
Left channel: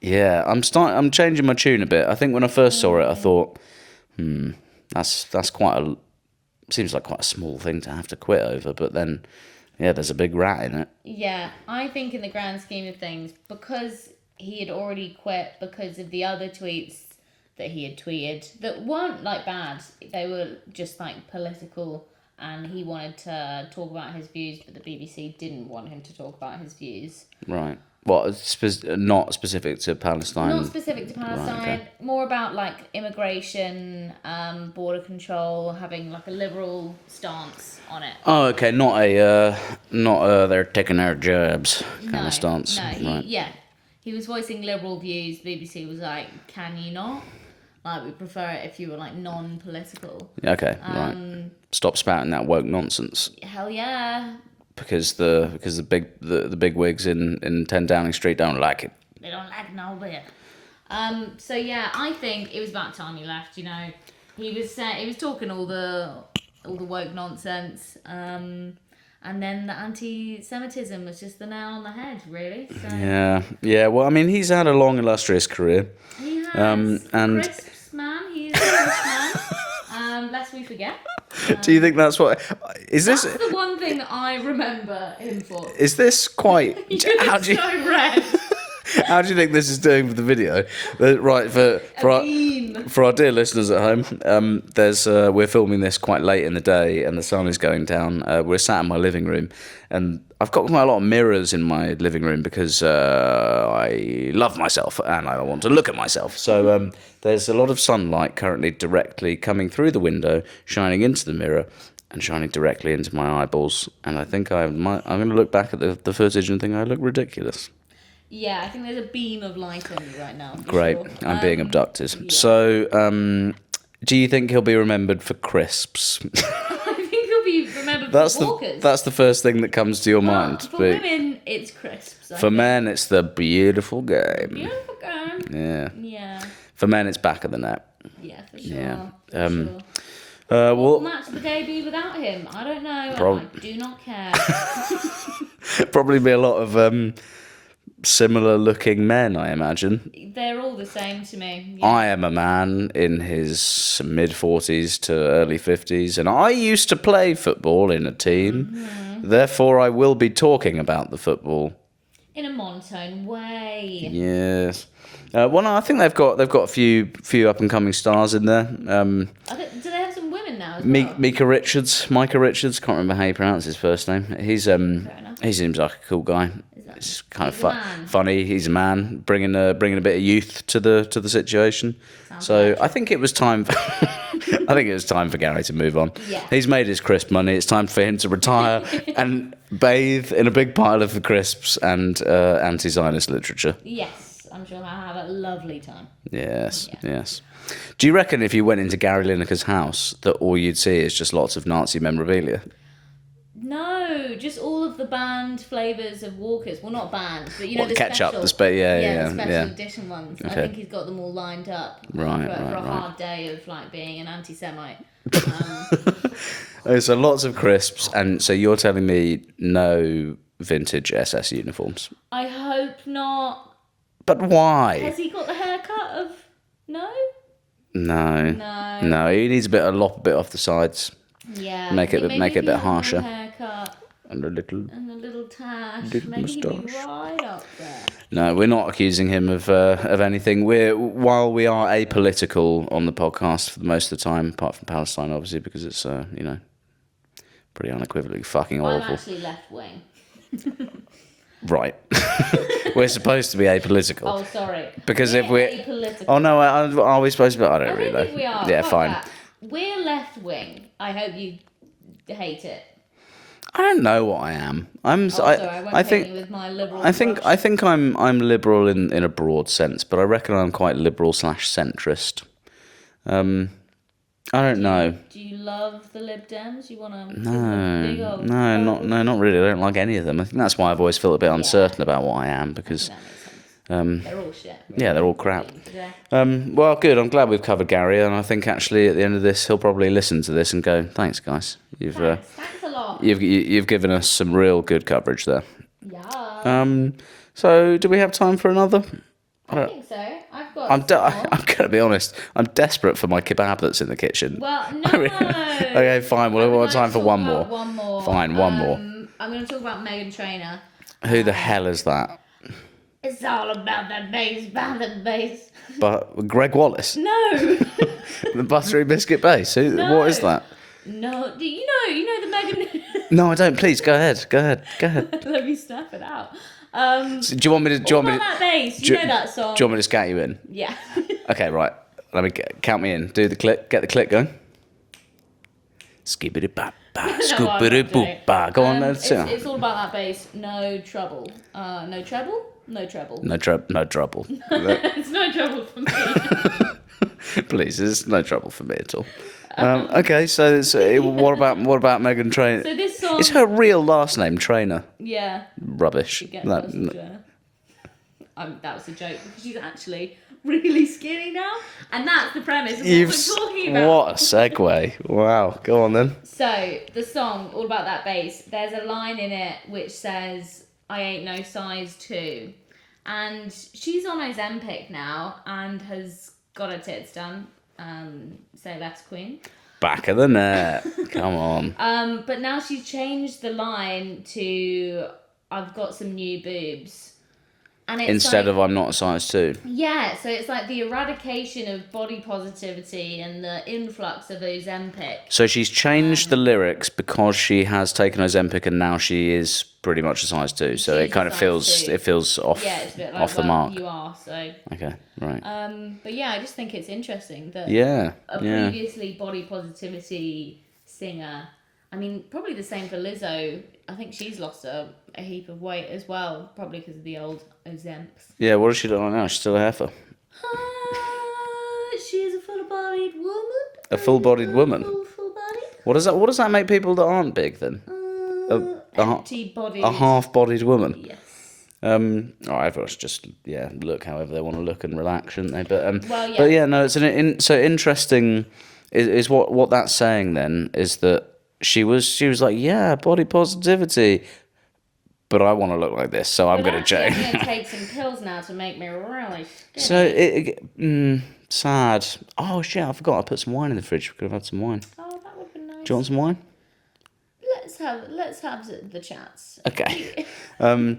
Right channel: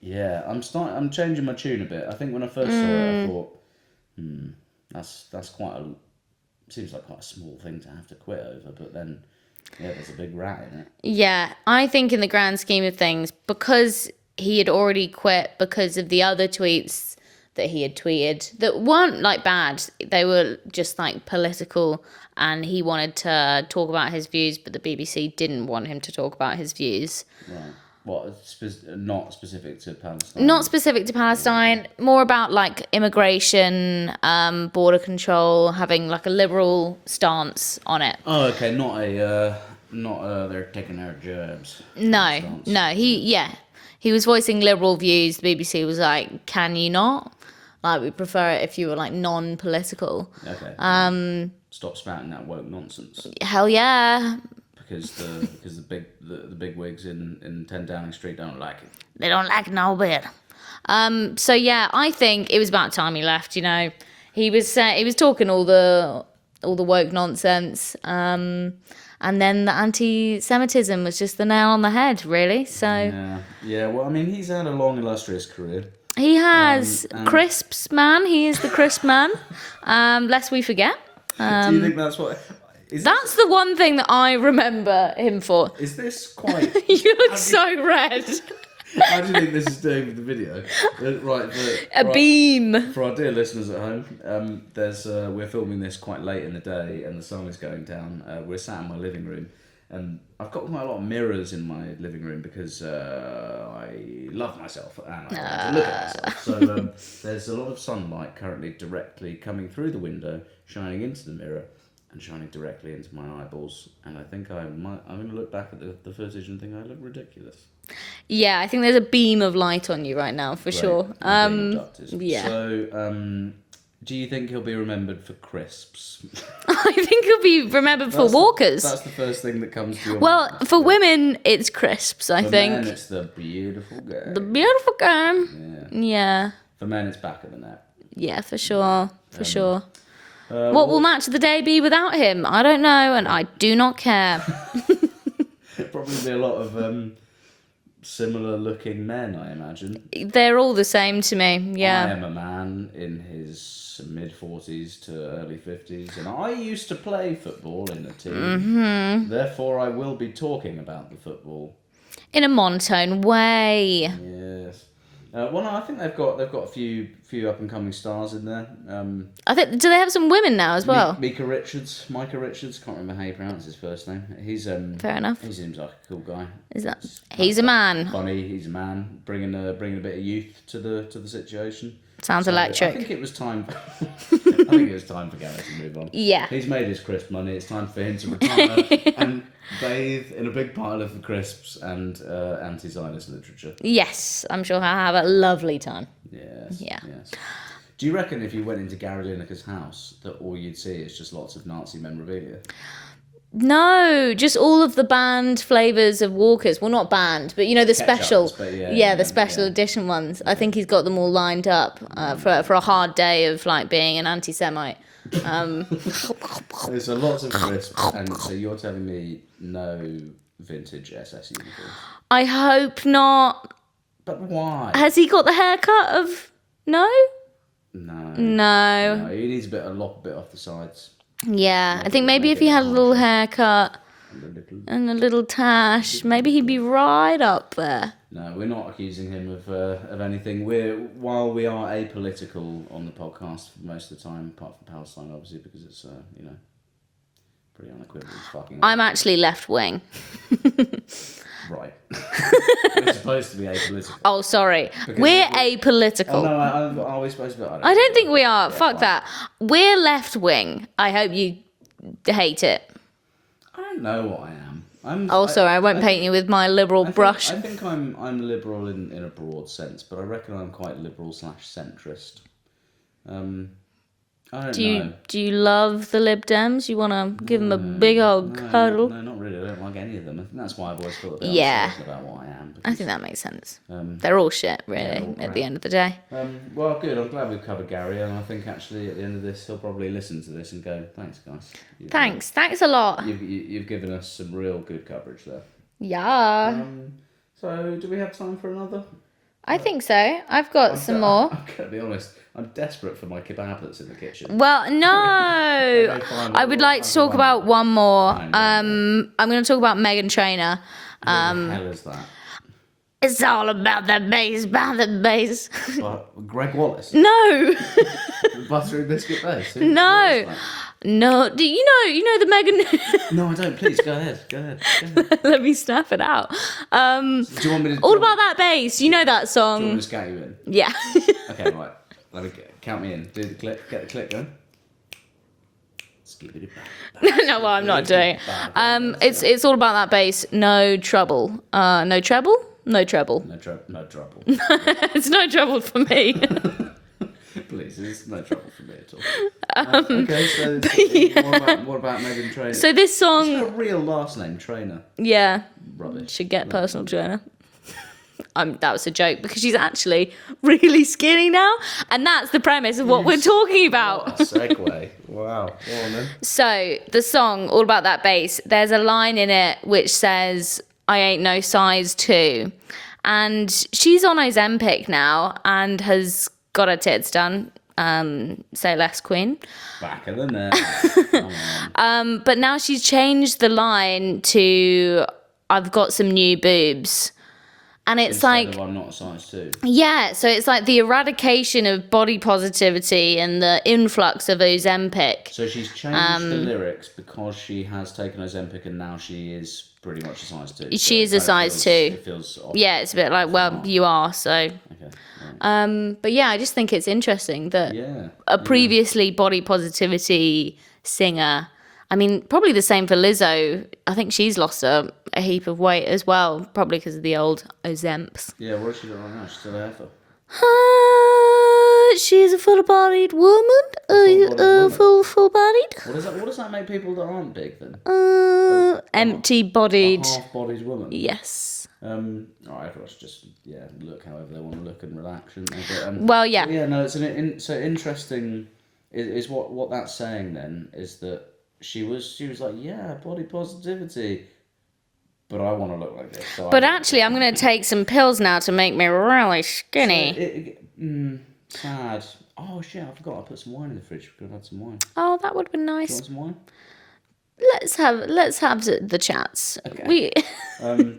yeah, I'm changing my tune a bit. I think when I first saw it, I thought, that's seems like quite a small thing to have to quit over. But then, yeah, there's a big rat in it. Yeah, I think in the grand scheme of things, because he had already quit because of the other tweets that he had tweeted that weren't like bad. They were just like political, and he wanted to talk about his views, but the BBC didn't want him to talk about his views. Right. What, not specific to Palestine? Not specific to Palestine, more about like immigration, border control, having like a liberal stance on it. Oh, okay, not they're taking our jobs. No, stance. no, he was voicing liberal views. The BBC was like, "Can you not? Like, we prefer it if you were like non-political." Okay. Right. Stop spouting that woke nonsense. Hell yeah. Because the big wigs in 10 Downing Street don't like it. They don't like it no bit. So yeah, I think it was about time he left. You know, he was talking all the woke nonsense, and then the anti-Semitism was just the nail on the head, really. So yeah. Well, I mean, he's had a long, illustrious career. He has. Crisps man. He is the crisp man. Lest we forget. Do you think that's what? That's the one thing that I remember him for. Is this quite? You look so red. How do you think this is doing for the video? Right, beam. For our dear listeners at home, we're filming this quite late in the day, and the sun is going down. We're sat in my living room, and I've got quite a lot of mirrors in my living room because I love myself and I want to look at myself. So there's a lot of sunlight currently directly coming through the window, shining into the mirror and shining directly into my eyeballs. And I think I'm going to look back at the footage and think I look ridiculous. Yeah, I think there's a beam of light on you right now, for sure. I'm being abducted. Yeah. So, do you think he'll be remembered for crisps? I think he'll be remembered for walkers. That's the first thing that comes to your mind. Well, for women, it's crisps, I think. For men, it's the beautiful game. The beautiful game. Yeah. Yeah. For men, it's back of the net. Yeah, for sure. Yeah. For sure. What will match of the day be without him? I don't know, and I do not care. Probably be a lot of similar looking men, I imagine. They're all the same to me. Yeah. I am a man in his mid-40s to early 50s, and I used to play football in a team. Mm-hmm. Therefore, I will be talking about the football in a monotone way. Yes. Well, no, I think they've got a few up and coming stars in there. I think do they have some women now as well? Micah Richards, can't remember how you pronounce his first name. He's fair enough. He seems like a cool guy. He's a man. Funny, he's a man, bringing a bit of youth to the situation. Sounds electric. I think it was time. For Gary to move on. Yeah. He's made his crisp money. It's time for him to retire and bathe in a big pile of the crisps and anti-Zionist literature. Yes, I'm sure he'll have a lovely time. Yes. Yeah. Yes. Do you reckon if you went into Gary Lineker's house that all you'd see is just lots of Nazi memorabilia? No, just all of the banned flavours of Walkers. Well, not banned, but the special. The special edition ones. Okay. I think he's got them all lined up for a hard day of like being an anti-Semite. So lots of crisps, and so you're telling me no vintage SS uniforms? I hope not. But why? Has he got the haircut of no? No. He needs a lop a bit off the sides. Yeah, I think maybe if he had a little haircut and a little tash, maybe he'd be right up there. No, we're not accusing him of anything. While we are apolitical on the podcast for the most of the time, apart from Palestine, obviously, because it's pretty unequivocally fucking awful. I'm actually left wing. Right. We're supposed to be apolitical. Oh, sorry. Because we're apolitical. Oh, no, are we supposed to be? I don't think we are. Yeah, fuck fine. That. We're left wing. I hope you hate it. I don't know what I am. I won't paint you with my liberal brush. I think I'm liberal in a broad sense, but I reckon I'm quite liberal / centrist. I don't know. Do you love the Lib Dems? You want to give them a big old cuddle? No, not really. I don't like any of them. I think that's why I've always felt a bit uncertain about what I am. I Because think that makes sense. They're all shit, really. Yeah, they're all crap. At the end of the day. Well, good. I'm glad we've covered Gary, and I think actually at the end of this, he'll probably listen to this and go, "Thanks, guys. Thanks a lot. You've given us some real good coverage there." Yeah. So, do we have time for another? I think so. I've got some more. I'm going to be honest. I'm desperate for my kebab that's in the kitchen. Well, no. Okay, fine. I would like to talk about one more. Fine, one more. I'm going to talk about Megan Trainer. Who the hell is that? It's all about the bass, But Greg Wallace, No. the buttery biscuit bass. No. What is that? No. Do you know the Megan? No, I don't. Please go ahead. Let me snap it out. So do you want me to? All about that bass. You know that song. Do you want me to scat you in? Yeah. Okay, right. Let me count me in. Do the click. Get the click going. Skibbity bap bap. Scoopity boop ba. Go on. It's all about that bass. No trouble. No treble. No treble. No trouble. It's no trouble for me. Please, there's no trouble for me at all. Okay, so what about Megan Trainer? So this song Is her real last name Trainer? Yeah. Rubbish. Should get personal trainer. That was a joke because she's actually really skinny now, and that's the premise of what we're talking about. What a segue! Wow, go on then. So the song, all about that bass. There's a line in it which says, "I ain't no size 2," and she's on Ozempic now and has got her tits done. Say less, Queen. Back of the net. Come on. But now she's changed the line to, "I've got some new boobs." And it's Instead of "I'm not a size 2." Yeah, so it's like the eradication of body positivity and the influx of Ozempic. So she's changed the lyrics because she has taken Ozempic and now she is pretty much a size 2. So She is a size 2. It feels off. Yeah, it's a bit like, well, you are, so. Okay, right. But yeah, I just think it's interesting that a previously body positivity singer, I mean, probably the same for Lizzo. I think she's lost a heap of weight as well, probably because of the old Ozemps. Yeah, what does she look like now? She's still a heifer. She's a full-bodied woman. A full-bodied woman? Full-bodied. What does that make people that aren't big then? Empty-bodied. A half-bodied woman? Yes. Everyone should just look however they want to look and relax, shouldn't they? But well, yeah. But yeah, no, it's so interesting. Is what that's saying then is that she was like, yeah, body positivity, but I want to look like this, so I'm going to change. I'm going to take some pills now to make me really skinny. So sad. Oh shit, I forgot. I put some wine in the fridge. We could have had some wine. Oh, that would have been nice. Do you want some wine? Let's have the chats. Okay. Oh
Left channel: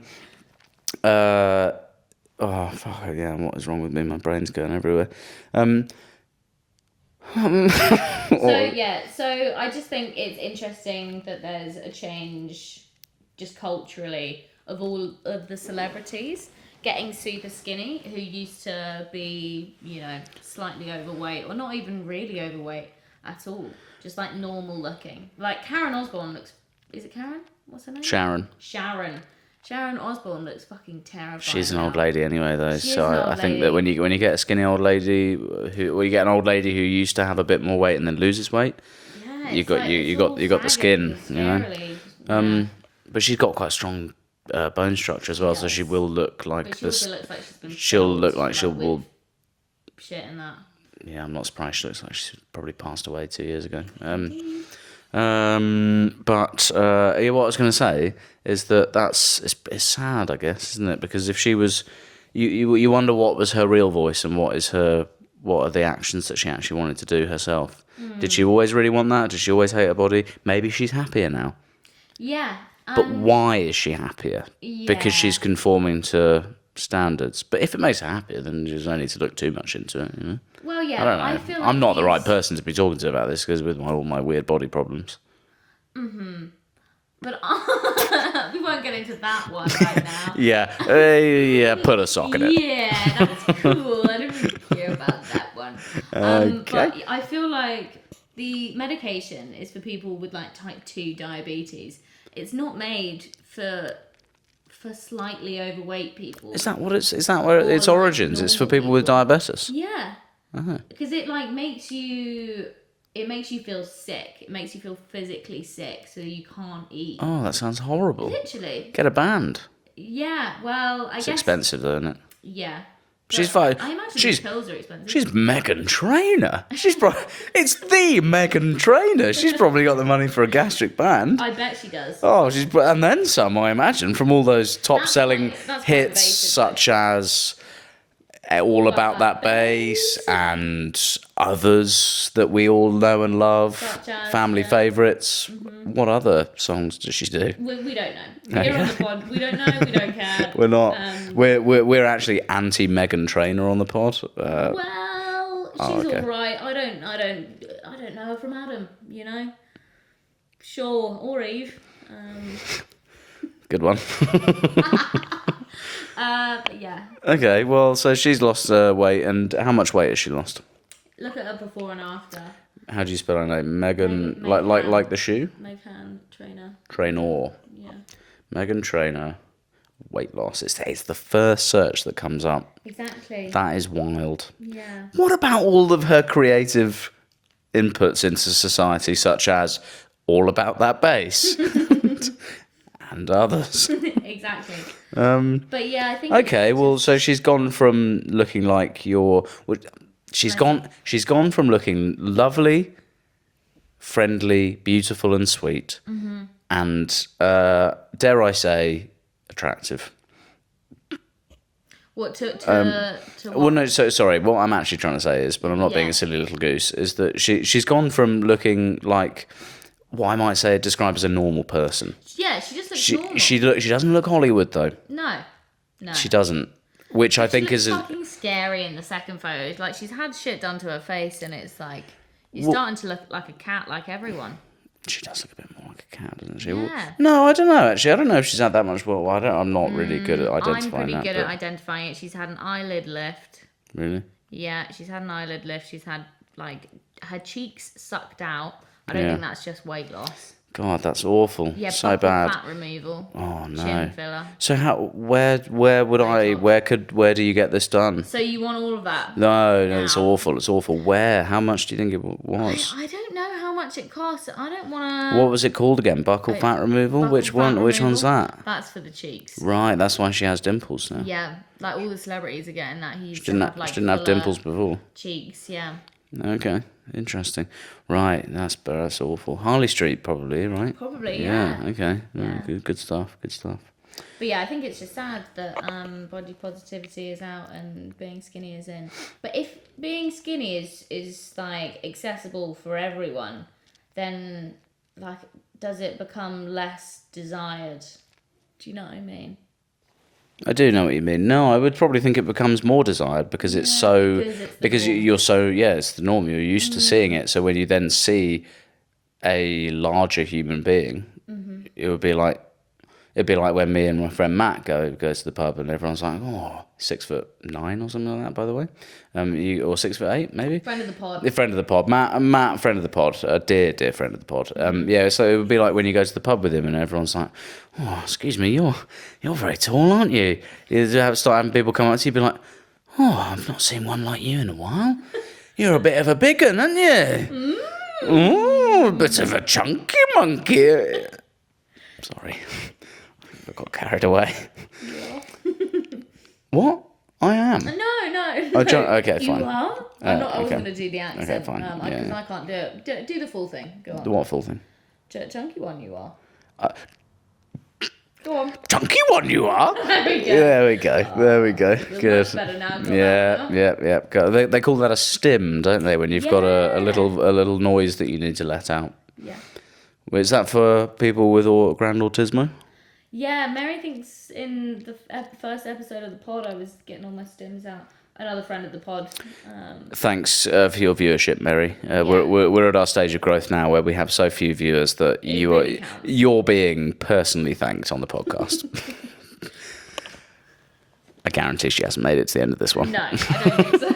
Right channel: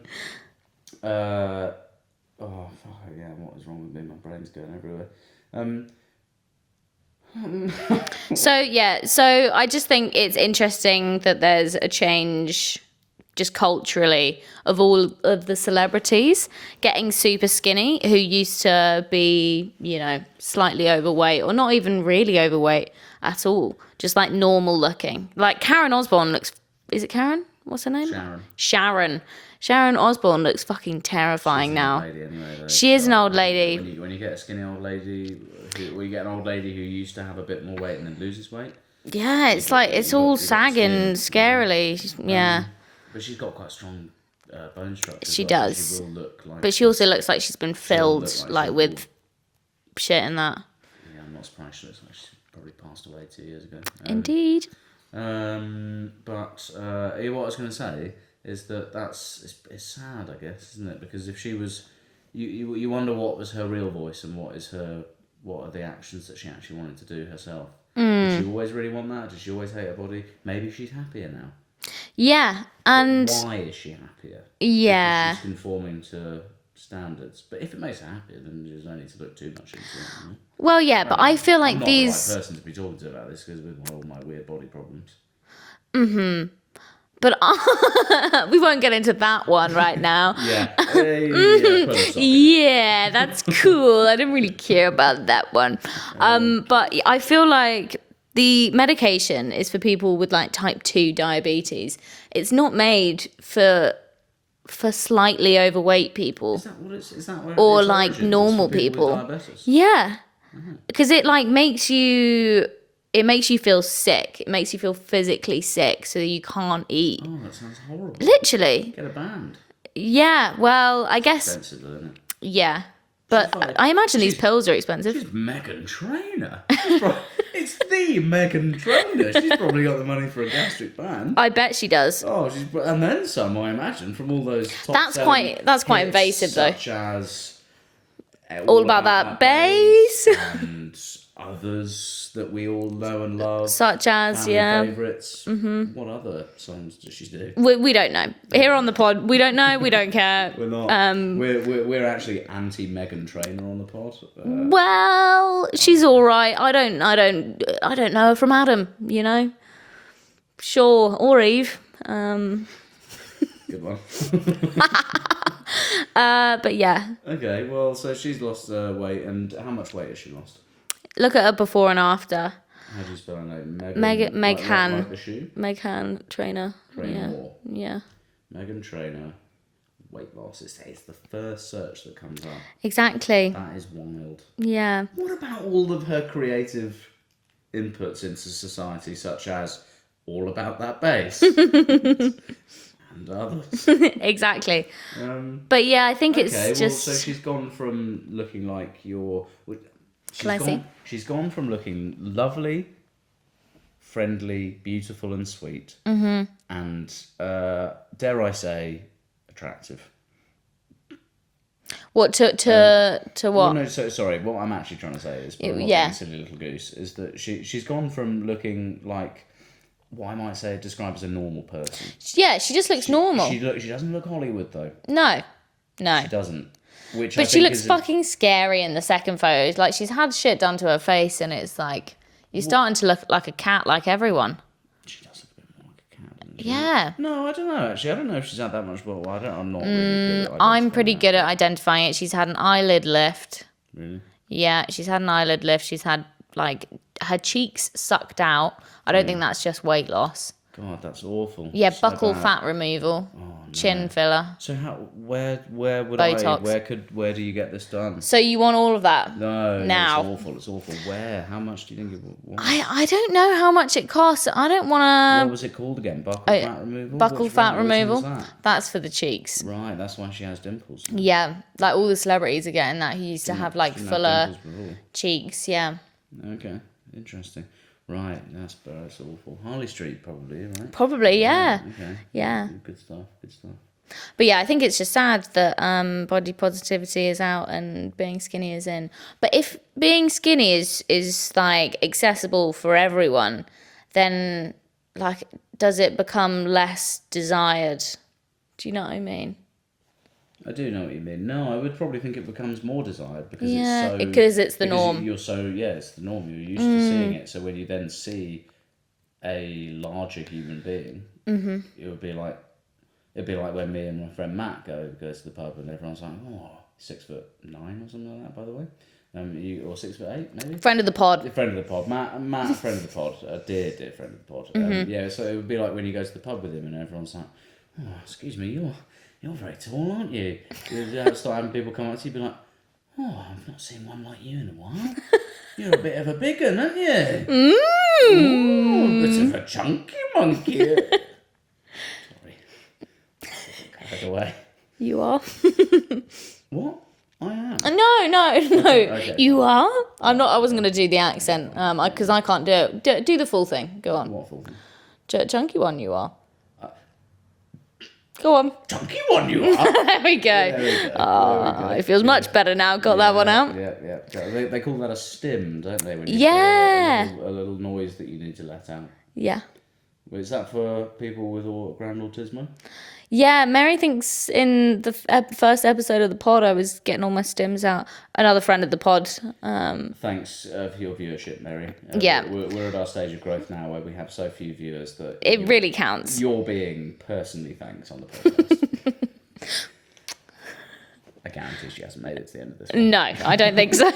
fuck yeah! What is wrong with me? My brain's going everywhere. So I just think it's interesting that there's a change just culturally of all of the celebrities getting super skinny who used to be, slightly overweight or not even really overweight at all, just like normal looking. Like Karen Osbourne looks, is it Karen? What's her name? Sharon Osbourne looks fucking terrifying. She's an now. Old lady anyway, though. She is an old lady. I think that when you get a skinny old lady, you get an old lady who used to have a bit more weight and then loses weight. Yeah, it's all sagging scarily. Yeah. But she's got quite strong bone structure as well, so she will look like. But she also looks like she's been filled with shit in that. Yeah, I'm not surprised. She looks like she's probably passed away 2 years ago. Indeed. What I was going to say is that it's sad, I guess, isn't it? Because if she was, you wonder what was her real voice and what are the actions that she actually wanted to do herself. Did she always really want that? Did she always hate her body? Maybe she's happier now. Yeah, but why is she happier? Yeah, because she's conforming to standards. But if it makes her happier, then there's no need to look too much into it. Well, yeah, but I feel like I'm not the right person to be talking to about this because with all my weird body problems. But we won't get into that one right now. Yeah, put a sock in it. Yeah, that's cool. I didn't really care about that one. Okay. But I feel like The medication is for people with like type 2 diabetes. It's not made for slightly overweight people. Is that what it's? Is that where Or, its like, origins? It's for normal people with people. diabetes. Yeah. Oh. Because it like makes you feel sick. It makes you feel physically sick so you can't eat. Oh, that sounds horrible. Literally. Get a band. Yeah, well, I It's guess expensive, though, isn't it? Yeah. But She's fine. I imagine these She's- pills are expensive. She's Megan Trainer. It's the Megan Trainer. She's probably got the money for a gastric band. I bet she does. Oh, and then some, I imagine, from all those top-selling That's quite hits, invasive, though. such as All About That Bass and others that we all know and love, Such as, family yeah. favourites. What other songs does she do? We don't know. Here on the pod, we don't know. We don't care. We're not. We're actually anti Megan Trainer on the pod. Well, she's okay. all right. I don't know her from Adam. You know. Sure, or Eve. Good one. But yeah, Okay, well, so she's lost weight, and how much weight has she lost? look at her before and after. How do you spell her name? Megan, Megan. like the shoe? Megan Trainer. Trainer. Yeah. Megan Trainer, weight loss. It's the first search that comes up. Exactly. That is wild. Yeah. What about all of her creative inputs into society, such as All About That Bass and others? Exactly. But yeah, I think Okay, it's well, just... so she's gone from looking like she's gone from looking lovely, friendly, beautiful, and sweet, and dare I say, attractive. What to what? Well, no, so sorry. What I'm actually trying to say is, but I'm not Yeah. being a silly little goose, is that she's gone from looking like what I might say describe as a normal person. Yeah, she just looks normal. She doesn't look Hollywood though. No. She doesn't. Which But I she think looks is fucking scary in the second photo. Like, she's had shit done to her face, and it's like, you're starting to look like a cat, like everyone. she does look a bit more like a cat, doesn't she? Yeah. No, I don't know. Actually, I don't know if she's had that much. Well, I'm not really good at identifying. I'm pretty that, good at but- identifying it. She's had an eyelid lift. Really. Yeah, she's had an eyelid lift. She's had, like, her cheeks sucked out. I don't Yeah. think that's just weight loss. God, that's awful. Yeah, so buckle bad. fat removal. Oh no. Chin filler. So where would Botox. where do you get this done? So you want all of that? No, Now. it's awful. It's awful. Where? How much do you think it was? I don't know how much it costs. I don't want to... What was it called again? Buckle fat removal? Buckle Which fat one? Which removal. one's that? That's for the cheeks. Right, that's why she has dimples now. Yeah, like all the celebrities are getting that. He used to have like she didn't have fuller dimples before. cheeks. Yeah, Okay, interesting. Right, that's awful. Harley Street, probably, right? probably. Yeah. Okay. Yeah. Good stuff. Good stuff. But yeah, I think it's just sad that body positivity is out and being skinny is in. But if being skinny is like accessible for everyone, then like does it become less desired? Do you know what I mean? I do know what you mean. No, I would probably think it becomes more desired because it's Yeah, so because it's the norm. you're so it's the norm. You're used to seeing it. So when you then see a larger human being, it would be like it'd be like when me and my friend Matt goes to the pub and everyone's like, oh, 6'9" or something like that. By the way, or 6'8" maybe. Friend of the pod. The friend of the pod, Matt, friend of the pod, a dear friend of the pod. Yeah, so it would be like when you go to the pub with him and everyone's like, "Oh, excuse me, you're very tall, aren't you?" You start having people come up to you, and be like, "Oh, I've not seen one like you in a while. You're a bit of a big un, aren't you? A bit of a chunky monkey." Sorry, I got carried away. You are. What? I am. No. Okay, you fine. are. I'm Yeah, not. I wasn't okay. going to do the accent fine. because Yeah. I can't do it. Do the full thing. Go on. What full thing? Chunky one, you are. Go on. Chunky one, you are. There we go. There we go. There we go. It feels Good. much better now. Got that one out. Yeah. They call that a stim, don't they? When you've got a little noise that you need to let out. Yeah. Is that for people with grand autismo? Yeah, Mary thinks in the first episode of the pod I was getting all my stims out. Another friend of the pod. Thanks for your viewership, Mary. Yeah. We're at our stage of growth now where we have so few viewers that It really counts. You're being personally thanked on the podcast. I guarantee she hasn't made it to the end of this one. No, I don't think so.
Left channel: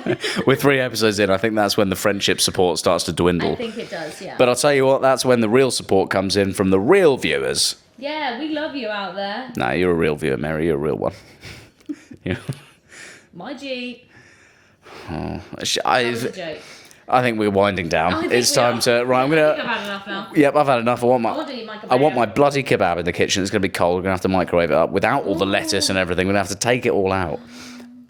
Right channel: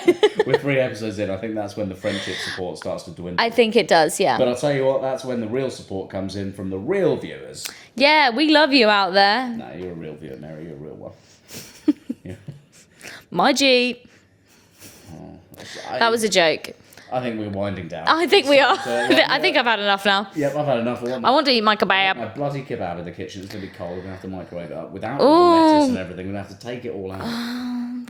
We're 3 episodes in. I think that's when the friendship support starts to dwindle. I think it does, yeah. But I'll tell you what, that's when the real support comes in from the real viewers. Yeah, we love you out there. No, you're a real viewer, Mary. You're a real one. My G. That was a joke. I think we're winding down. I think we are. I think I've had enough now. Yep, I've had enough. I want to eat my kebab. I want my bloody kebab in the kitchen. It's going to be cold. We're going to have to microwave it up without all the lettuce and everything. We're going to have to take it all out.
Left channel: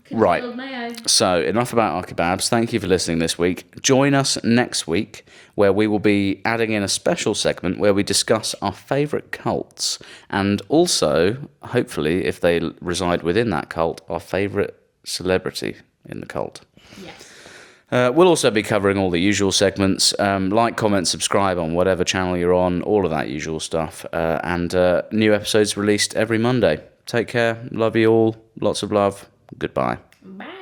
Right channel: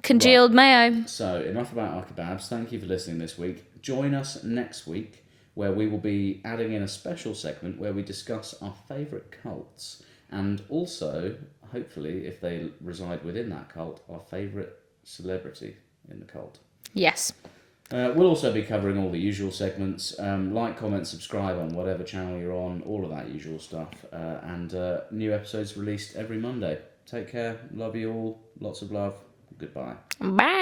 Congealed mayo. So, enough about our kebabs. Thank you for listening this week. Join us next week, where we will be adding in a special segment where we discuss our favourite cults. And also, hopefully, if they reside within that cult, our favourite celebrity in the cult. Yes. We'll also be covering all the usual segments. Like, comment, subscribe on whatever channel you're on, all of that usual stuff. And new episodes released every Monday. Take care. Love you all. Lots of love. Goodbye. Bye.